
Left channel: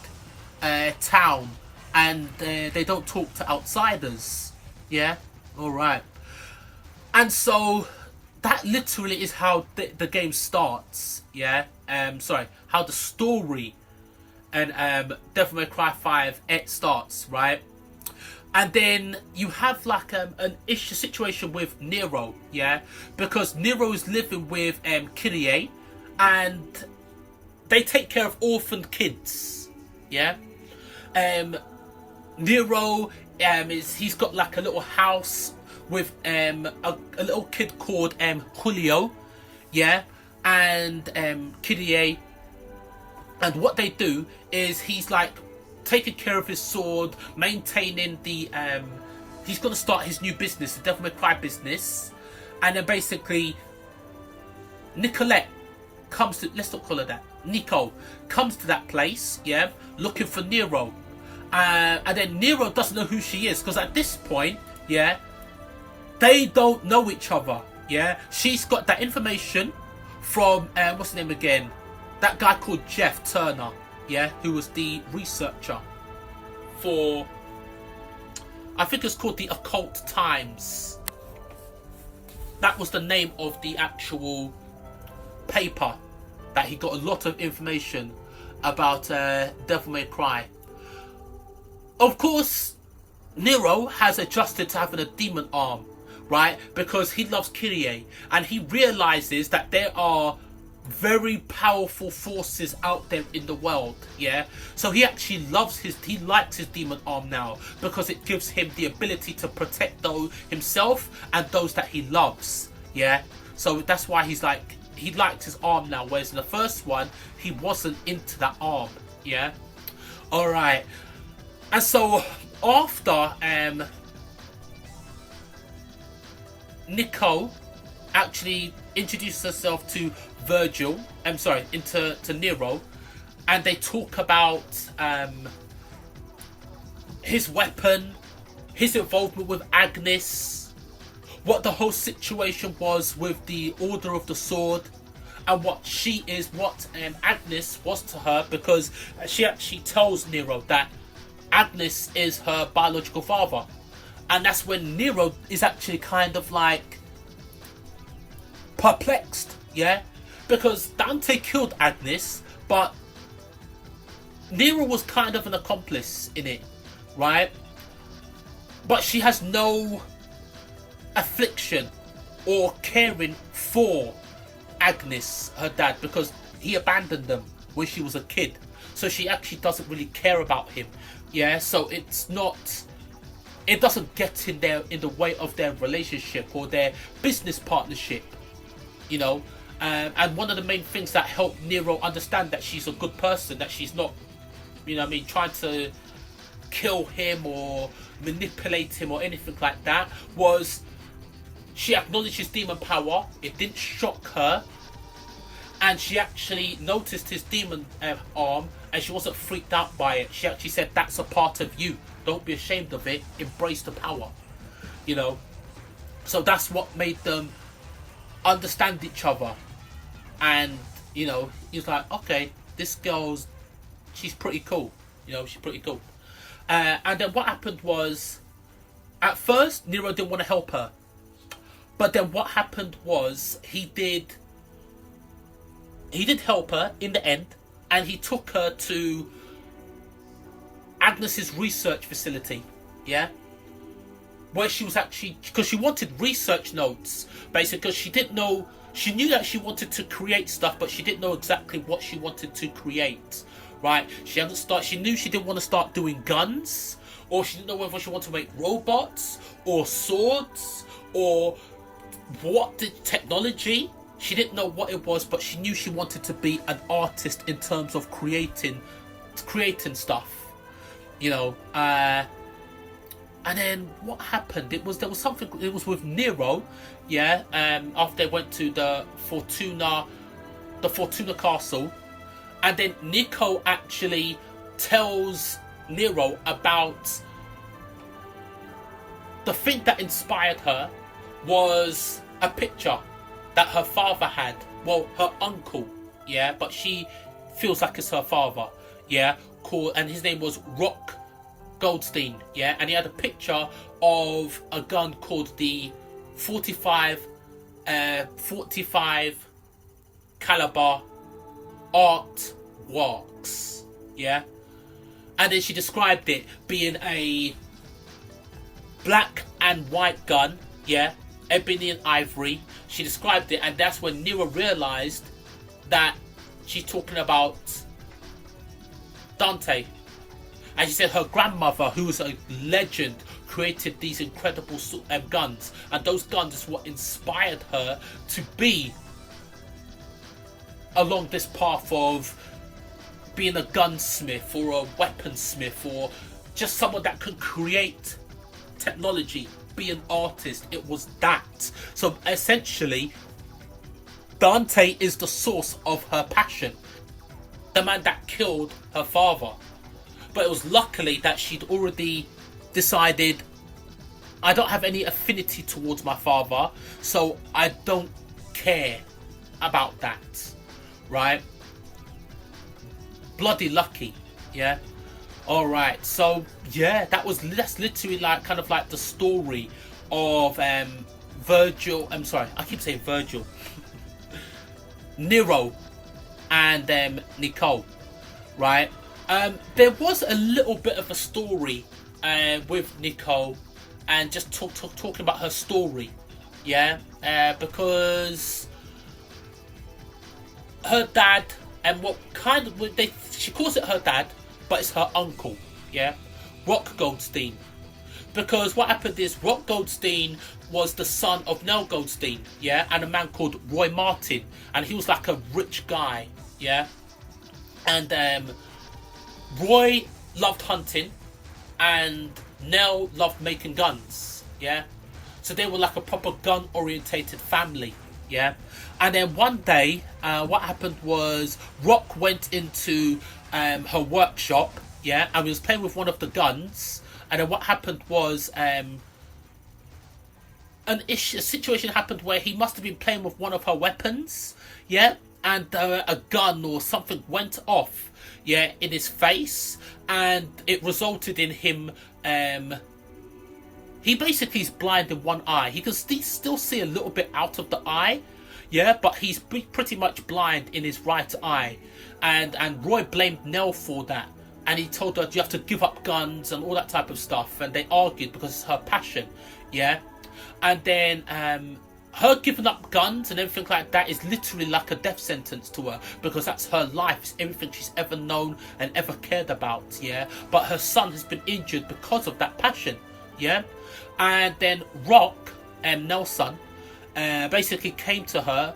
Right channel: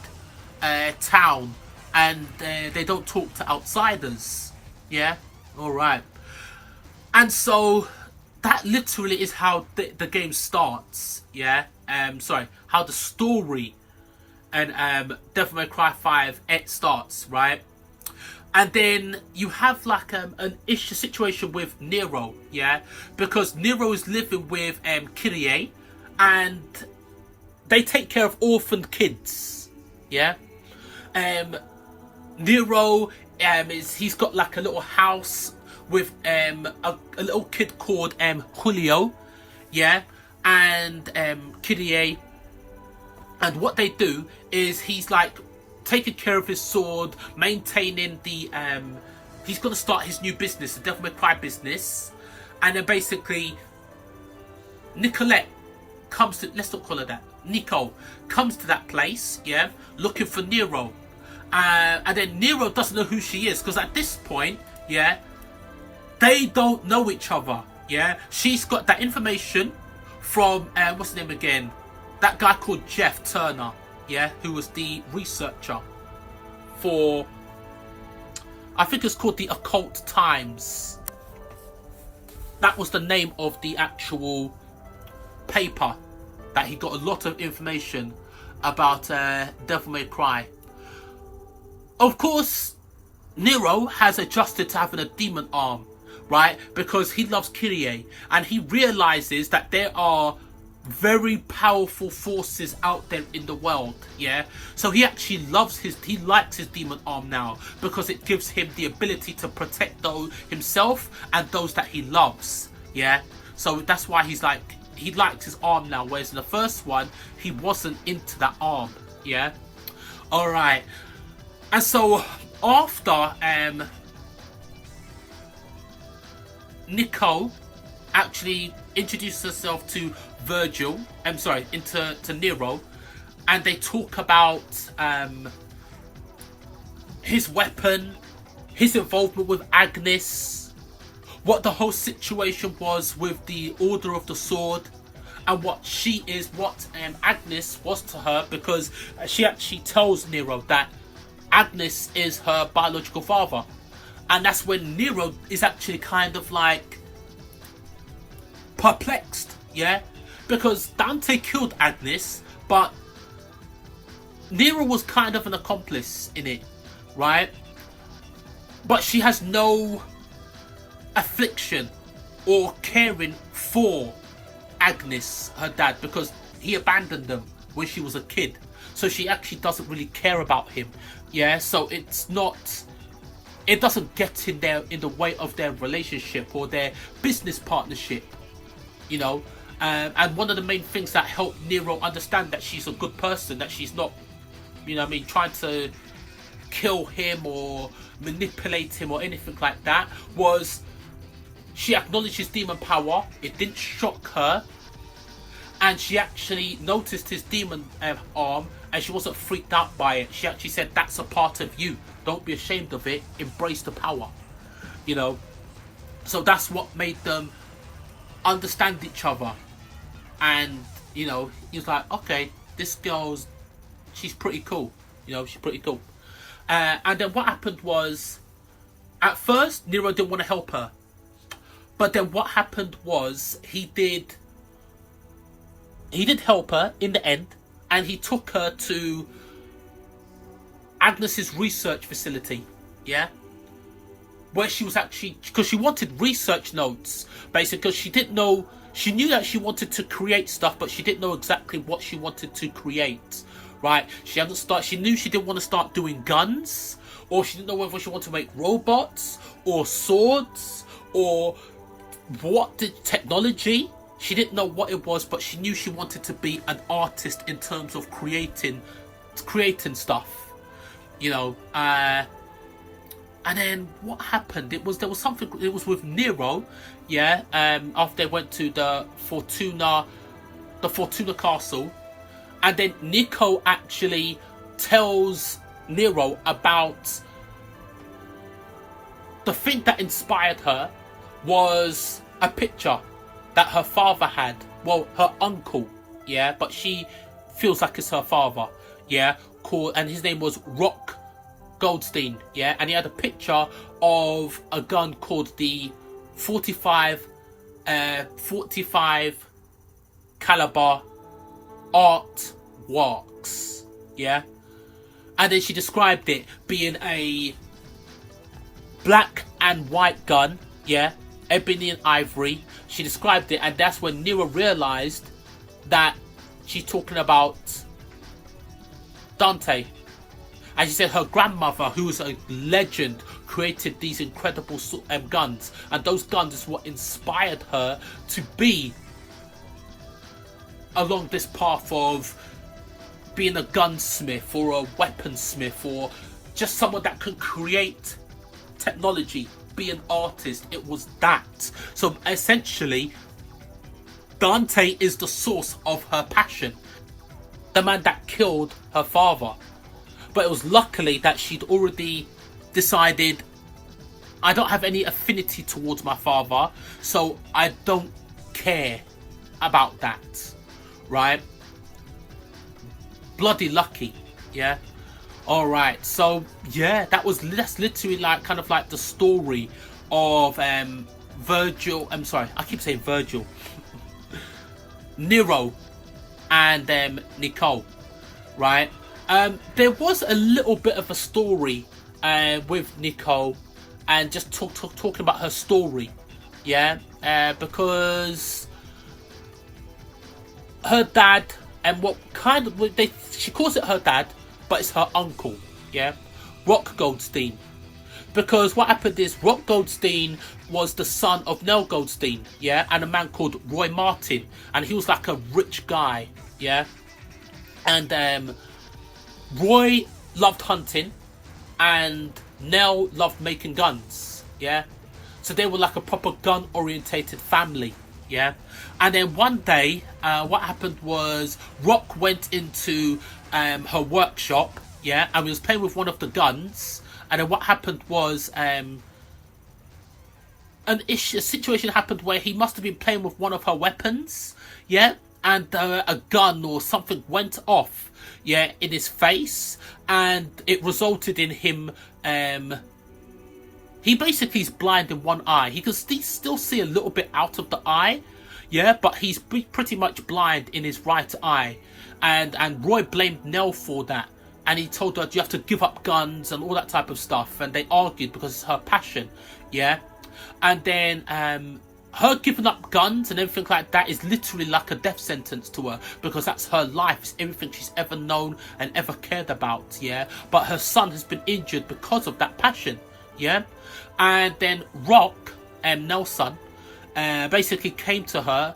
town and they don't talk to outsiders. Yeah, alright. And so that literally is how the game starts. Yeah, how the story and Devil May Cry 5 it starts, right? And then you have like an issue situation with Nero, yeah, because Nero is living with Kyrie, and they take care of orphaned kids, yeah. Nero he's got like a little house with a little kid called Julio, yeah, and Kyrie, and what they do is he's like taking care of his sword, maintaining the he's gonna start his new business, the Devil May Cry business, and then basically Nicolette comes to, let's not call her that, Nico comes to that place, yeah, looking for Nero. And then Nero doesn't know who she is because at this point, yeah, they don't know each other. Yeah, she's got that information from what's his name again? That guy called Jeff Turner. Yeah, who was the researcher for, I think it's called the Occult Times. That was the name of the actual paper that he got a lot of information about Devil May Cry. Of course, Nero has adjusted to having a demon arm, right? Because he loves Kyrie, and he realizes that there are very powerful forces out there in the world, yeah? So he actually likes his demon arm now, because it gives him the ability to protect himself and those that he loves, yeah? So that's why he likes his arm now, whereas in the first one, he wasn't into that arm, yeah? Alright. And so after Nico actually introduces herself to to Nero, and they talk about his weapon, his involvement with Agnes, what the whole situation was with the Order of the Sword, and what Agnes was to her, because she actually tells Nero that Agnes is her biological father. And that's when Nero is actually kind of like perplexed, yeah? Because Dante killed Agnes, but Nero was kind of an accomplice in it, right? But she has no affliction or caring for Agnes, her dad, because he abandoned them when she was a kid. so she actually doesn't really care about him. Yeah, so it doesn't get in the way of their relationship or their business partnership, you know. And one of the main things that helped Nero understand that she's a good person, that she's not, you know what I mean, trying to kill him or manipulate him or anything like that, was she acknowledged his demon power. It didn't shock her, and she actually noticed his demon arm, and she wasn't freaked out by it. She actually said, that's a part of you, don't be ashamed of it, embrace the power, you know. So that's what made them understand each other. And, you know, he's like, okay, this girl's, she's pretty cool, you know, she's pretty cool. And then what happened was, at first Nero didn't want to help her, but then what happened was he did help her in the end, and he took her to Agnes's research facility, yeah, where she was actually, because she wanted research notes, basically, because she didn't know, she knew that she wanted to create stuff, but she didn't know exactly what she wanted to create, right? She knew she didn't want to start doing guns, or she didn't know whether she wanted to make robots, or swords, or what the technology. She didn't know what it was, but she knew she wanted to be an artist in terms of creating stuff, you know. And then what happened? There was something. It was with Nero, yeah. After they went to the Fortuna Castle, and then Nico actually tells Nero about the thing that inspired her was a picture that her father had, well, her uncle, yeah, but she feels like it's her father, yeah, and his name was Rock Goldstein, yeah, and he had a picture of a gun called the 45 caliber Art Works, yeah, and then she described it being a black and white gun, yeah, ebony and ivory. She described it, and that's when Nero realized that she's talking about Dante. And she said her grandmother, who was a legend, created these incredible guns, and those guns is what inspired her to be along this path of being a gunsmith or a weaponsmith, or just someone that could create technology, be an artist. It was that. So essentially, Dante is the source of her passion, the man that killed her father. But it was luckily that she'd already decided, I don't have any affinity towards my father, so I don't care about that, right? Bloody lucky, yeah. All right, so yeah, that's literally like kind of like the story of Virgil. I'm sorry, I keep saying Virgil. Nero and Nicole, right? There was a little bit of a story with Nicole, and just talking about her story, yeah, because her dad, and what kind of she calls it her dad, but it's her uncle, yeah, Rock Goldstein. Because what happened is Rock Goldstein was the son of Nell Goldstein, yeah, and a man called Roy Martin, and he was like a rich guy, yeah, and Roy loved hunting, and Nell loved making guns, yeah, so they were like a proper gun-orientated family, yeah. And then one day, what happened was Rock went into her workshop, yeah, and was playing with one of the guns. And then what happened was a situation happened where he must have been playing with one of her weapons, yeah, and a gun or something went off, yeah, in his face, and it resulted in him. He basically is blind in one eye. He can still see a little bit out of the eye, yeah, but he's pretty much blind in his right eye. And Roy blamed Nell for that. And he told her, you have to give up guns and all that type of stuff. And they argued because it's her passion, yeah. And then her giving up guns and everything like that is literally like a death sentence to her, because that's her life. It's everything she's ever known and ever cared about, yeah. But her son has been injured because of that passion, yeah. And then Rock, Nelson, basically came to her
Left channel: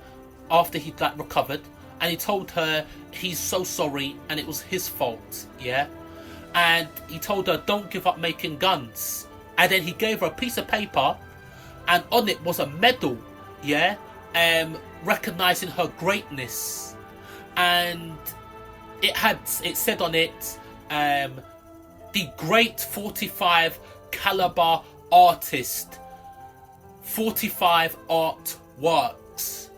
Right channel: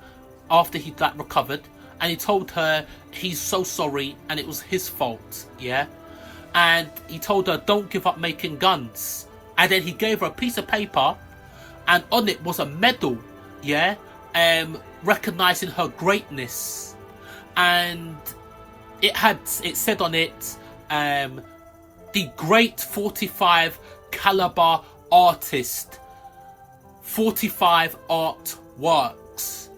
after he'd like recovered, and he told her he's so sorry and it was his fault, yeah. And he told her, don't give up making guns. And then he gave her a piece of paper, and on it was a medal, yeah, recognizing her greatness. And it said on it, the great 45 caliber artist, 45 artworks.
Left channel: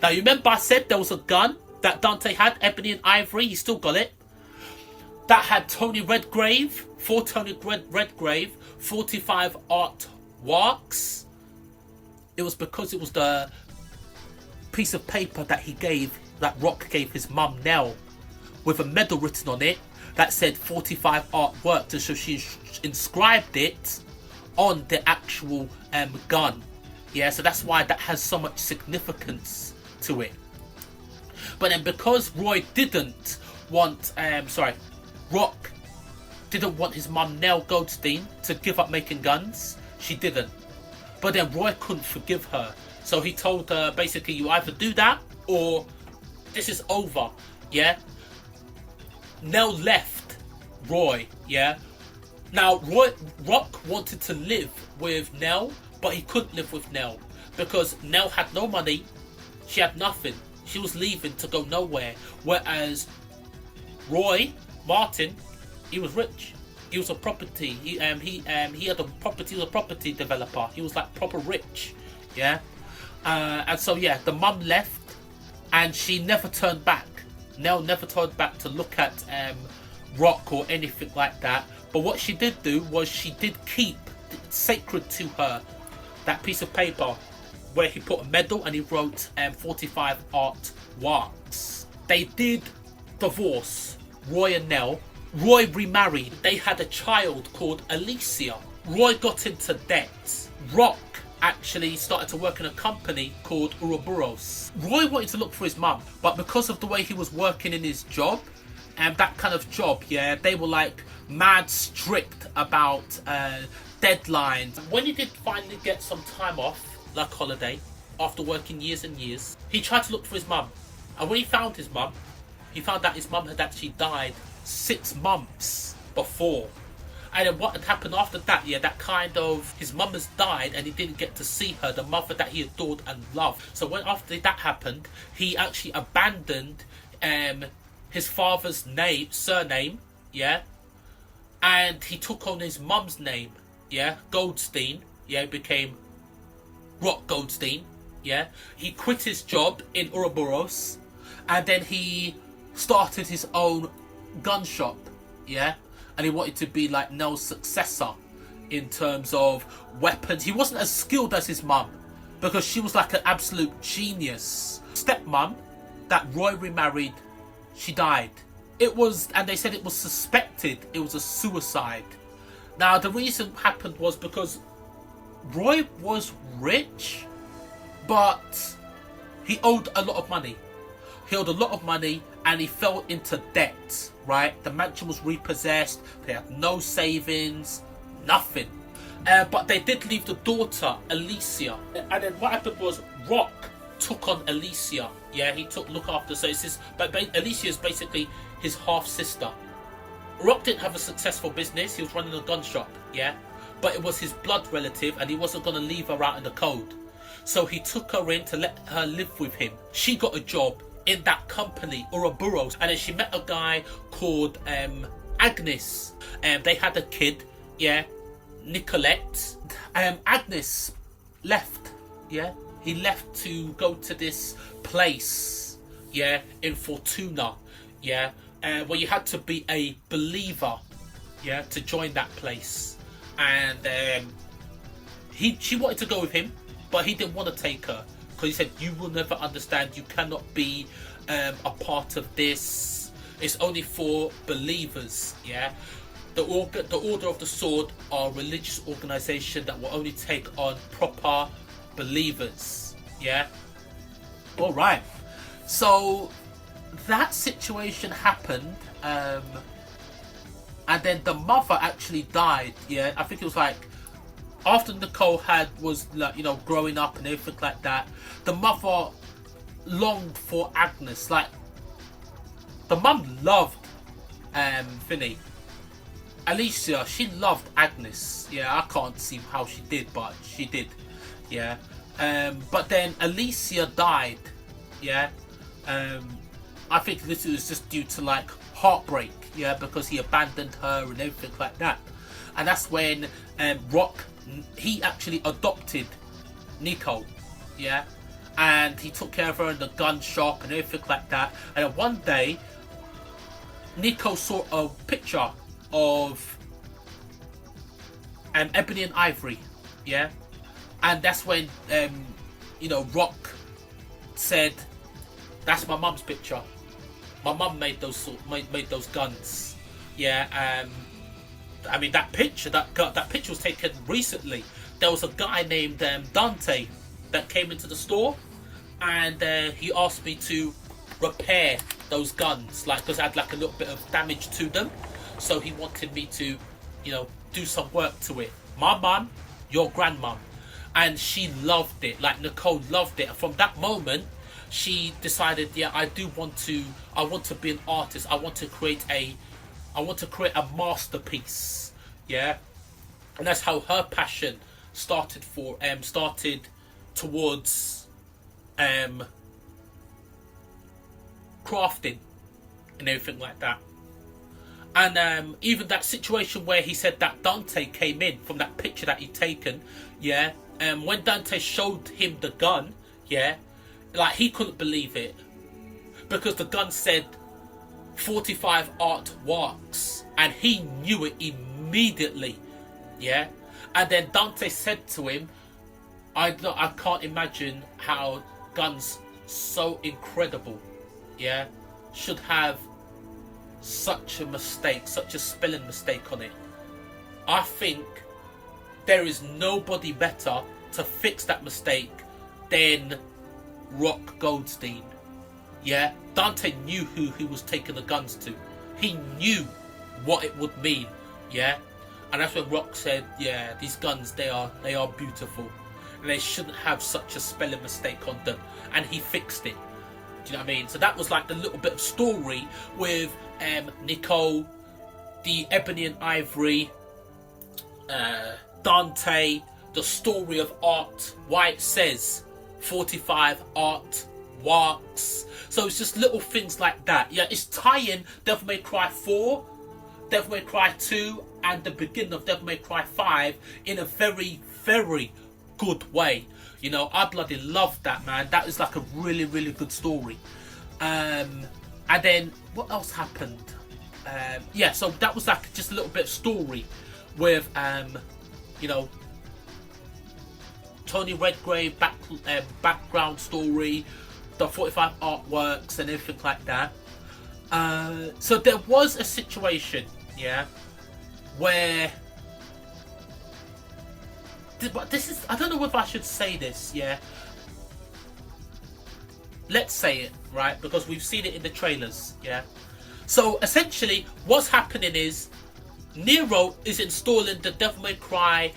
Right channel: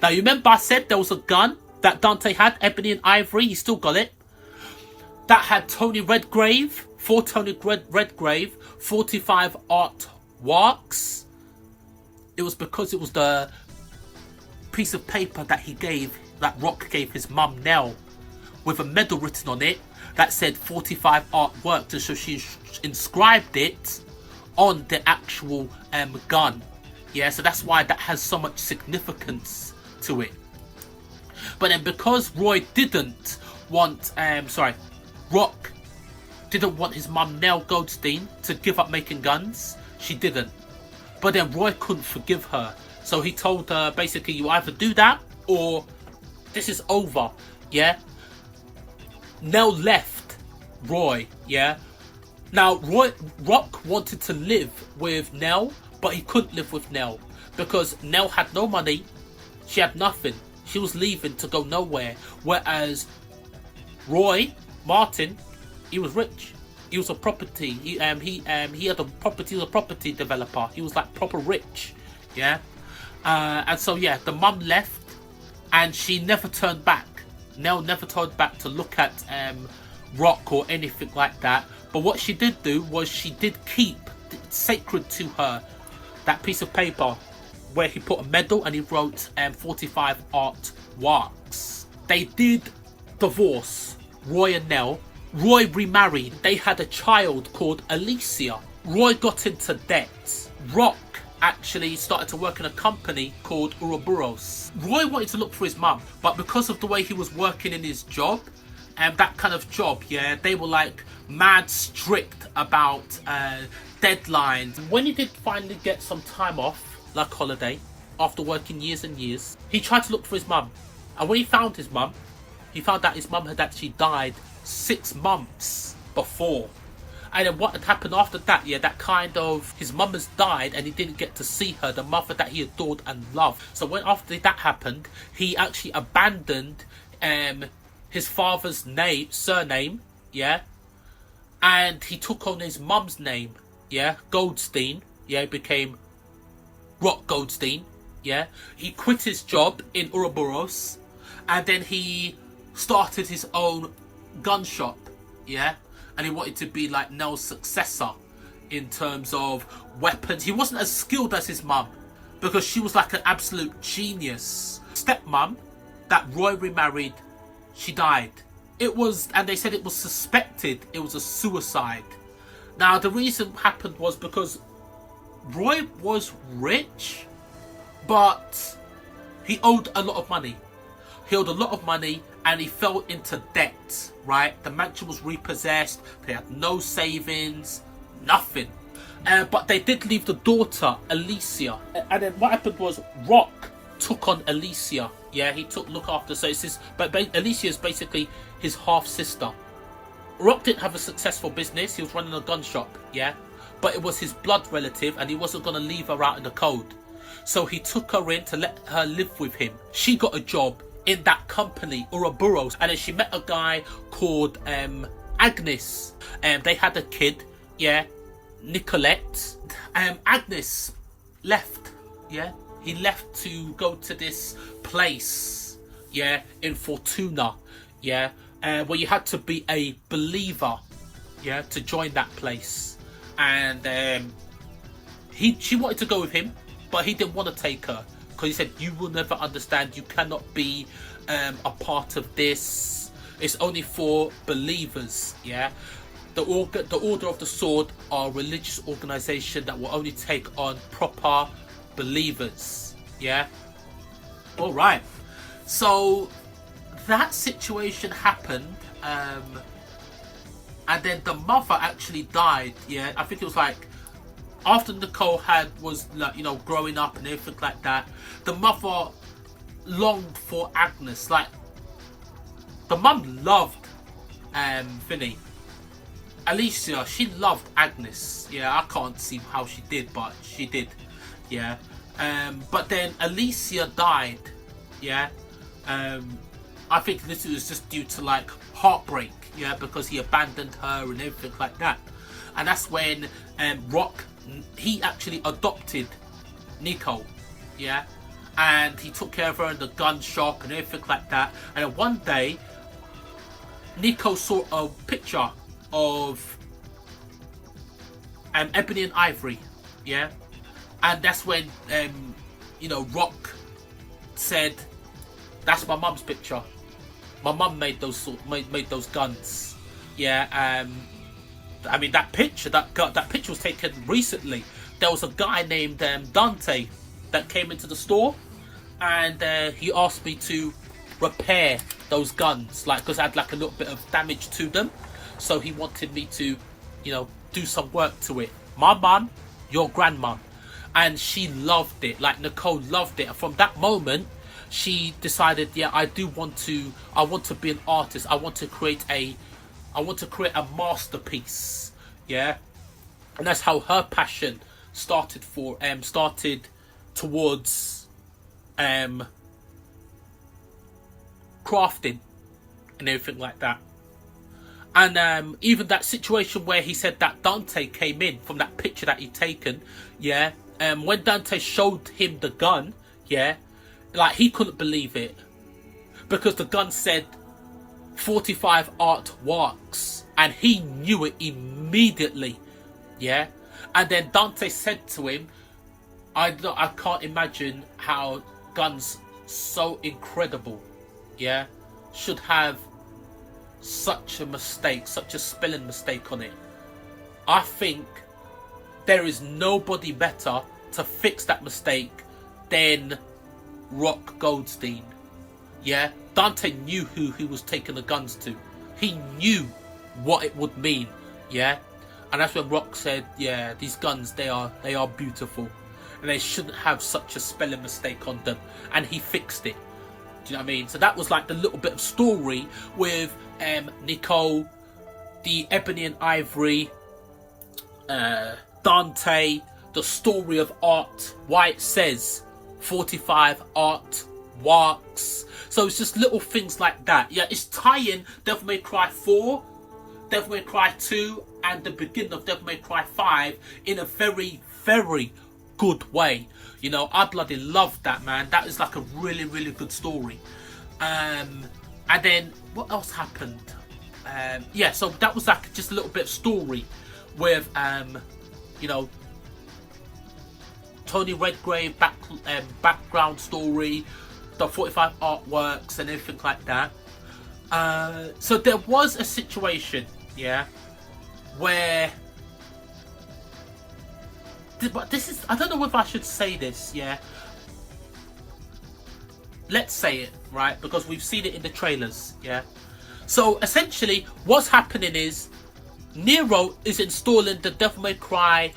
Now you remember I said there was a gun that Dante had, ebony and ivory, he still got it, that had Tony Redgrave, for Tony Redgrave, 45 artworks. It was because it was the piece of paper that that Rock gave his mum Nell, with a medal written on it that said 45 artworks, and so she inscribed it on the actual gun. Yeah, so that's why that has so much significance to it. But then because Roy didn't want, Rock didn't want his mum Nell Goldstein to give up making guns, she didn't. But then Roy couldn't forgive her, so he told her basically, you either do that or this is over, yeah. Nell left Roy, yeah. Now Rock wanted to live with Nell, but he couldn't live with Nell because Nell had no money, she had nothing, she was leaving to go nowhere. Whereas Roy Martin, he was rich. He was a property. He had a property. He was a property developer. He was like proper rich, yeah. And so yeah, the mum left, and she never turned back. Nell never turned back to look at Rock or anything like that. But what she did do was she did keep sacred to her that piece of paper where he put a medal and he wrote 45 artworks. They did divorce, Roy and Nell. Roy remarried. They had a child called Alicia. Roy got into debt. Rock actually started to work in a company called Ouroboros. Roy wanted to look for his mum, but because of the way he was working in his job, and that kind of job, yeah, they were like mad strict about deadlines. When he did finally get some time off, like holiday, after working years and years, he tried to look for his mum. And when he found his mum, he found that his mum had actually died 6 months before. And then what had happened after that, yeah, that kind of, his mum has died and he didn't get to see her, the mother that he adored and loved. So when after that happened, he actually abandoned his father's surname, yeah, and he took on his mum's name, yeah, Goldstein, yeah, it became Rock Goldstein, yeah. He quit his job in Ouroboros, and then he started his own gun shop, yeah, and he wanted to be like Nell's successor in terms of weapons. He wasn't as skilled as his mum because she was like an absolute genius. Stepmom that Roy remarried, she died. And they said it was suspected it was a suicide. Now the reason happened was because Roy was rich, but he owed a lot of money. He owed a lot of money and he fell into debt, right? The mansion was repossessed, they had no savings, nothing. But they did leave the daughter, Alicia. And then what happened was Rock took on Alicia. Yeah, he look after, so it's his, but Alicia is basically his half-sister. Rock didn't have a successful business, he was running a gun shop, yeah? But it was his blood relative and he wasn't going to leave her out in the cold. So he took her in to let her live with him. She got a job in that company, Ouroboros, and then she met a guy called Agnes. They had a kid, yeah, Nicolette. Agnes left, yeah. He left to go to this place, yeah, in Fortuna, yeah, where you had to be a believer, yeah, to join that place. And she wanted to go with him, but he didn't want to take her because he said, you will never understand, you cannot be a part of this, it's only for believers, yeah. The Order of the Sword are a religious organisation that will only take on proper believers. Yeah. All right. So that situation happened, and then the mother actually died. Yeah, I think it was like after Nicole was like, you know, growing up and everything like that. The mother longed for Agnes. Like the mum loved Vinny. Alicia, she loved Agnes. Yeah, I can't see how she did, but she did. Yeah. But then Alicia died. Yeah. I think this was just due to like heartbreak. Yeah, because he abandoned her and everything like that. And that's when Rock, he actually adopted Nico. Yeah. And he took care of her in the gun shop and everything like that. And then one day, Nico saw a picture of Ebony and Ivory, yeah, and that's when you know, Rock said, "That's my mum's picture. My mum made those guns." Yeah, I mean that picture was taken recently. There was a guy named Dante that came into the store, and he asked me to repair those guns, like, because I had like a little bit of damage to them. So he wanted me to, you know, do some work to it. My mum, your grandma, and she loved it. Like Nicole loved it. And from that moment, she decided, yeah, I want to be an artist. I want to create a masterpiece. Yeah, and that's how her passion started towards crafting and everything like that. And even that situation where he said that Dante came in from that picture that he'd taken, yeah. When Dante showed him the gun, yeah, like he couldn't believe it, because the gun said 45 art works, and he knew it immediately, yeah. And then Dante said to him, I can't imagine how guns so incredible, yeah, should have such a mistake, such a spelling mistake on it. I think there is nobody better to fix that mistake than Rock Goldstein. Yeah, Dante knew who he was taking the guns to. He knew what it would mean. Yeah, and that's when Rock said, yeah, these guns, they are beautiful, and they shouldn't have such a spelling mistake on them. And he fixed it. Do you know what I mean? So that was like the little bit of story with Nicole, the Ebony and Ivory, Dante, the story of art, why it says 45 art works. So it's just little things like that. Yeah, it's tying Devil May Cry 4, Devil May Cry 2, and the beginning of Devil May Cry 5 in a very, very good way. You know, I bloody loved that, man. That is like a really, really good story. And then what else happened? Yeah, so that was like just a little bit of story with you know, Tony Redgrave background story, the 45 artworks and everything like that. So there was a situation, yeah, where, but this is, I don't know if I should say this, yeah. Let's say it, right? Because we've seen it in the trailers, yeah. So essentially, what's happening is Nero is installing the Devil May Cry.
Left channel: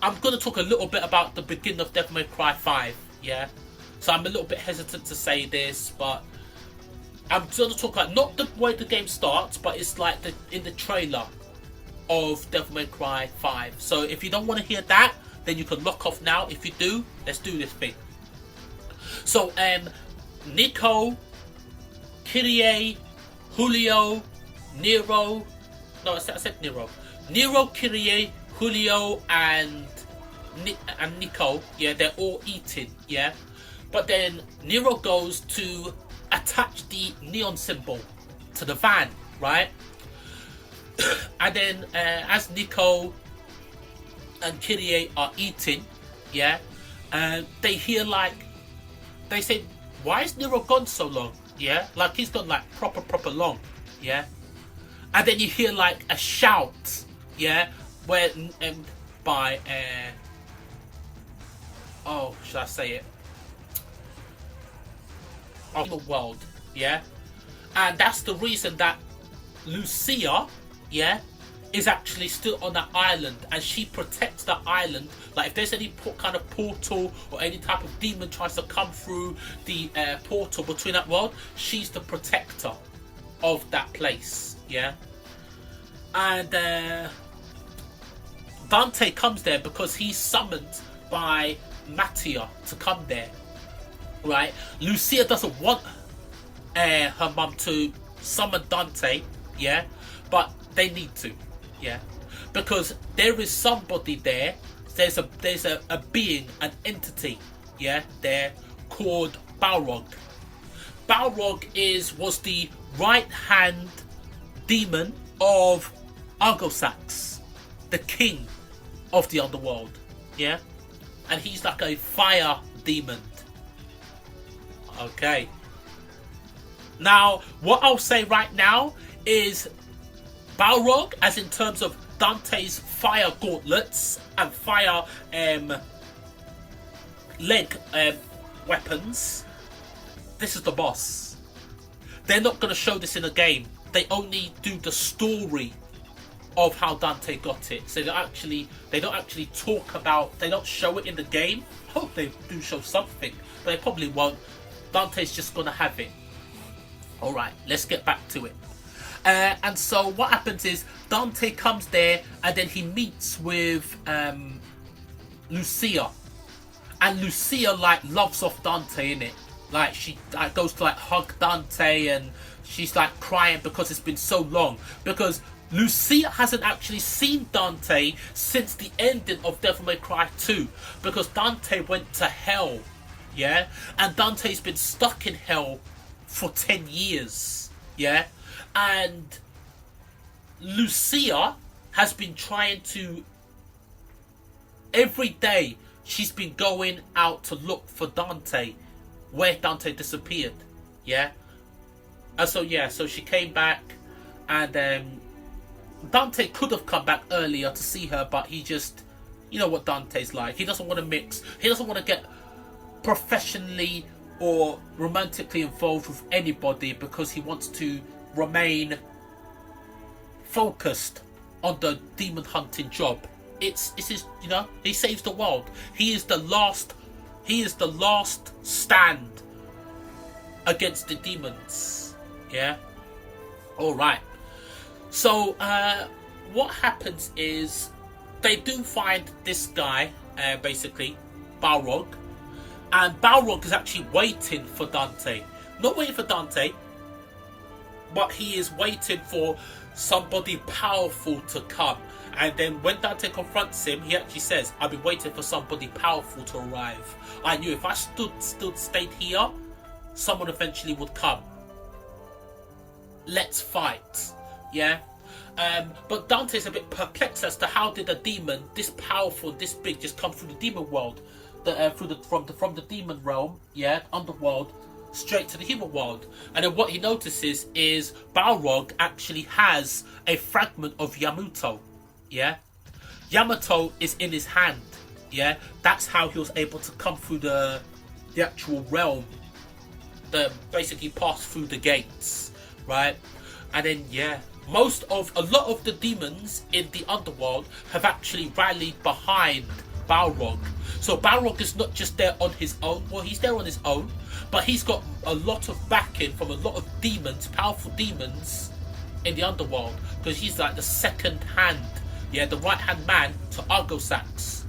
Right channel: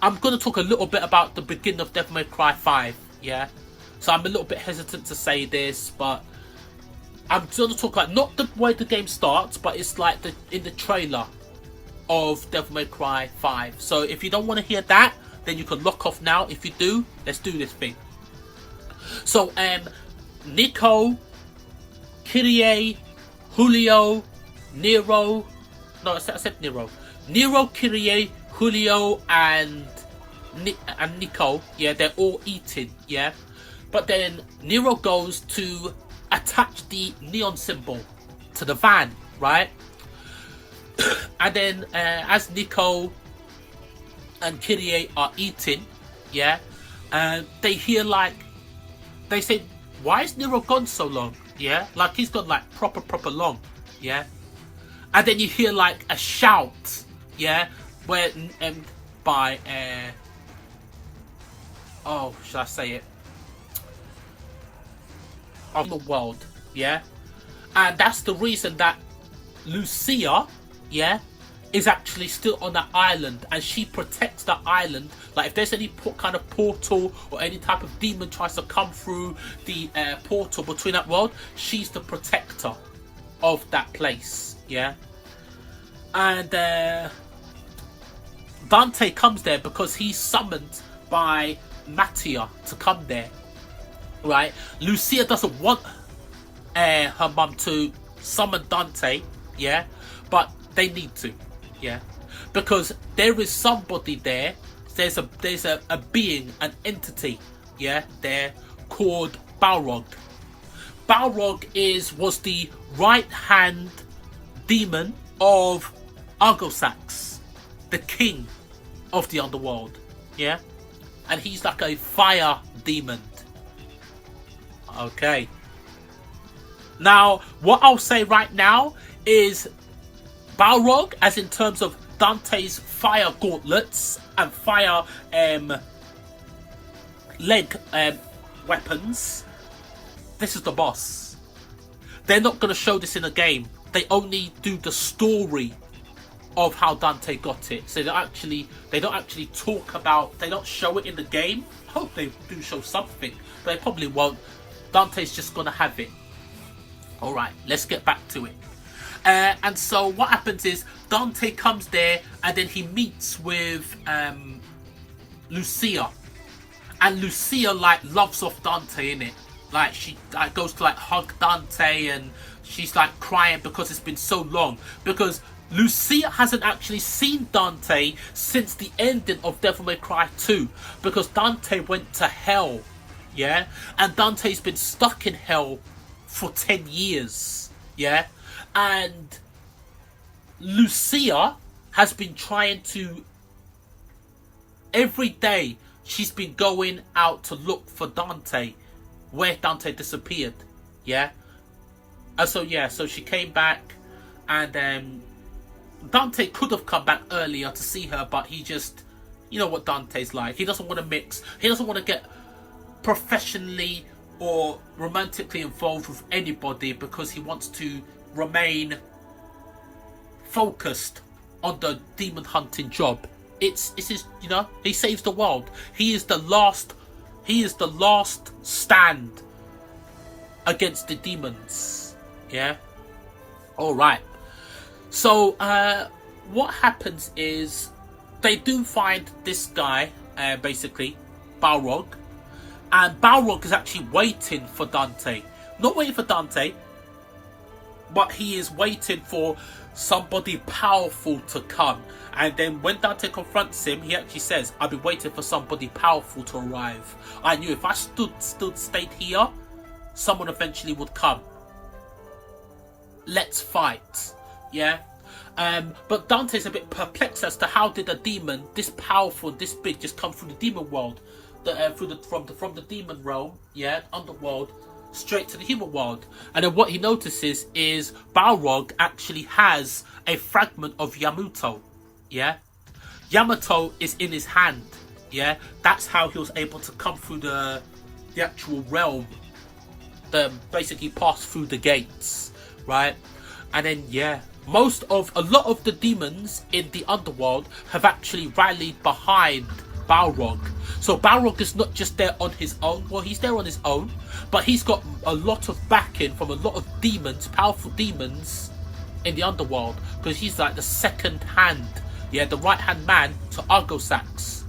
I'm going to talk a little bit about the beginning of Devil May Cry 5, yeah. So I'm a little bit hesitant to say this, but I'm going to talk like not the way the game starts, but it's like in the trailer of Devil May Cry 5. So if you don't want to hear that, then you can lock off now. If you do, let's do this thing. So Nico, Kyrie, Julio, Nero, no, I said Nero. Nero, Kyrie, Julio, and Nico, yeah, they're all eating, yeah. But then Nero goes to attach the neon symbol to the van, right? And then as Nico and Kyrie are eating, yeah, they hear like, they say, why is Nero gone so long? Yeah, like he's gone like proper long, yeah. And then you hear like a shout, yeah, where by oh, should I say it? Of the world, yeah? And that's the reason that Lucia, yeah, is actually still on that island, and she protects that island. Like if there's any kind of portal or any type of demon tries to come through the portal between that world, she's the protector of that place, yeah? And Dante comes there because he's summoned by Mattia to come there, right? Lucia doesn't want her mum to summon Dante, yeah, but they need to, yeah, because there is somebody there. There's a being, an entity, yeah, there called Balrog. Balrog was the right hand demon of Argosax, the king of the underworld, yeah, and he's like a fire demon. Okay. Now, what I'll say right now is Balrog, as in terms of Dante's fire gauntlets and fire leg weapons, this is the boss. They're not going to show this in a game. They only do the story of how Dante got it. So they don't actually talk about, they don't show it in the game. Hope they do show something, but they probably won't. Dante's just going to have it. Alright, let's get back to it. And so what happens is Dante comes there and then he meets with Lucia. And Lucia like loves off Dante, innit? Like she goes to like hug Dante and she's like crying because it's been so long. Because Lucia hasn't actually seen Dante since the ending of Devil May Cry 2. Because Dante went to hell, yeah? And Dante's been stuck in hell for 10 years, yeah? And Lucia has been trying to, every day she's been going out to look for Dante, where Dante disappeared, yeah? And so yeah, so she came back, and Dante could have come back earlier to see her, but he just, you know what Dante's like, he doesn't want to mix, he doesn't want to get professionally or romantically involved with anybody because he wants to remain focused on the demon hunting job. It's his, you know, he saves the world. He is the last stand against the demons. Yeah. All right. So what happens is they do find this guy, basically Balrog. And Balrog is actually waiting for Dante. Not waiting for Dante, but he is waiting for somebody powerful to come. And then when Dante confronts him, he actually says, I've been waiting for somebody powerful to arrive. I knew if I stayed here, someone eventually would come. Let's fight. Yeah? But Dante's a bit perplexed as to how did a demon this powerful, this big, just come through the demon world. From the demon realm, yeah, underworld, straight to the human world. And then what he notices is Balrog actually has a fragment of Yamato, yeah. Yamato is in his hand, yeah. That's how he was able to come through the actual realm, basically pass through the gates, right? And then yeah, a lot of the demons in the underworld have actually rallied behind Balrog. So Balrog is not just there on his own. Well, he's there on his own, but he's got a lot of backing from a lot of demons, powerful demons in the underworld, because he's like the second hand, yeah, the right hand man to Argosax,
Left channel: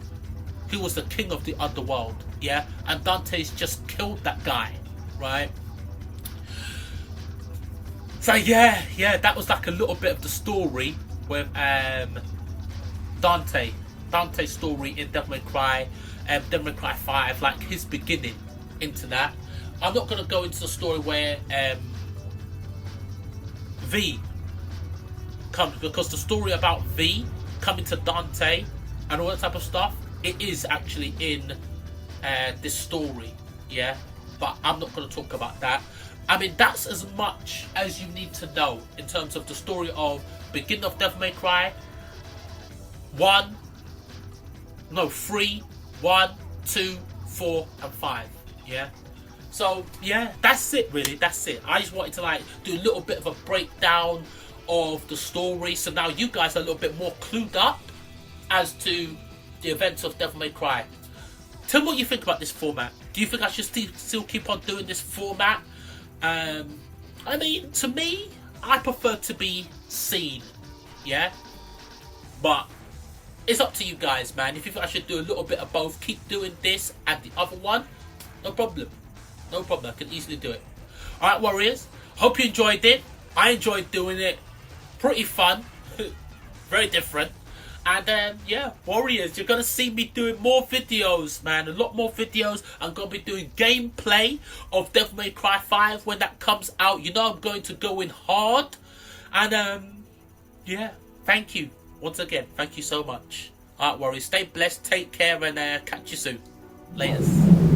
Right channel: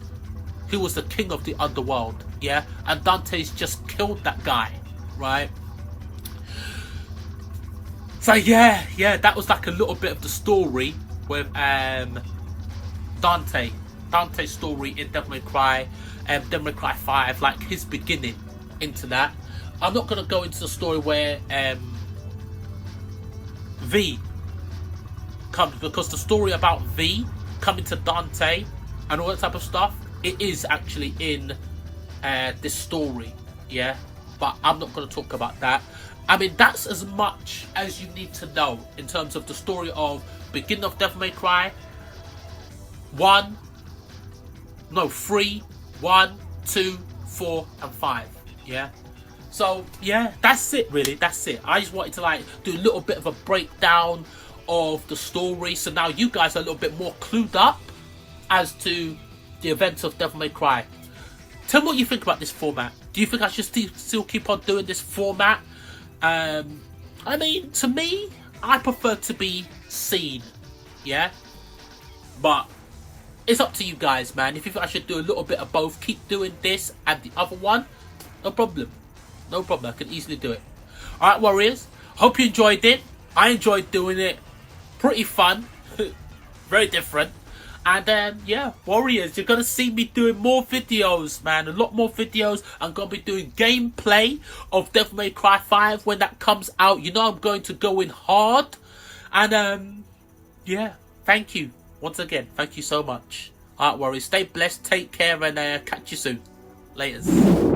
who was the king of the underworld, yeah. And Dante's just killed that guy, right? So yeah, that was like a little bit of the story with Dante's story in Devil May Cry, Devil May Cry 5, like his beginning into that. I'm not going to go into the story where V comes, because the story about V coming to Dante and all that type of stuff, it is actually in this story, yeah. But I'm not going to talk about that. I mean, that's as much as you need to know in terms of the story of beginning of Devil May Cry 3, 1, 2, 4, and 5. Yeah. So yeah, that's it really. That's it. I just wanted to like do a little bit of a breakdown of the story, so now you guys are a little bit more clued up as to the events of Devil May Cry. Tell me what you think about this format. Do you think I should still keep on doing this format? I mean, to me, I prefer to be seen. Yeah, but it's up to you guys, man. If you think I should do a little bit of both, keep doing this and the other one, no problem. No problem, I can easily do it. Alright, Warriors, hope you enjoyed it. I enjoyed doing it. Pretty fun. Very different. And yeah, Warriors, you're going to see me doing more videos, man. A lot more videos. I'm going to be doing gameplay of Devil May Cry 5 when that comes out. You know I'm going to go in hard. And yeah, thank you. Once again, thank you so much. Alright, Warriors, stay blessed, take care, and catch you soon. Laters.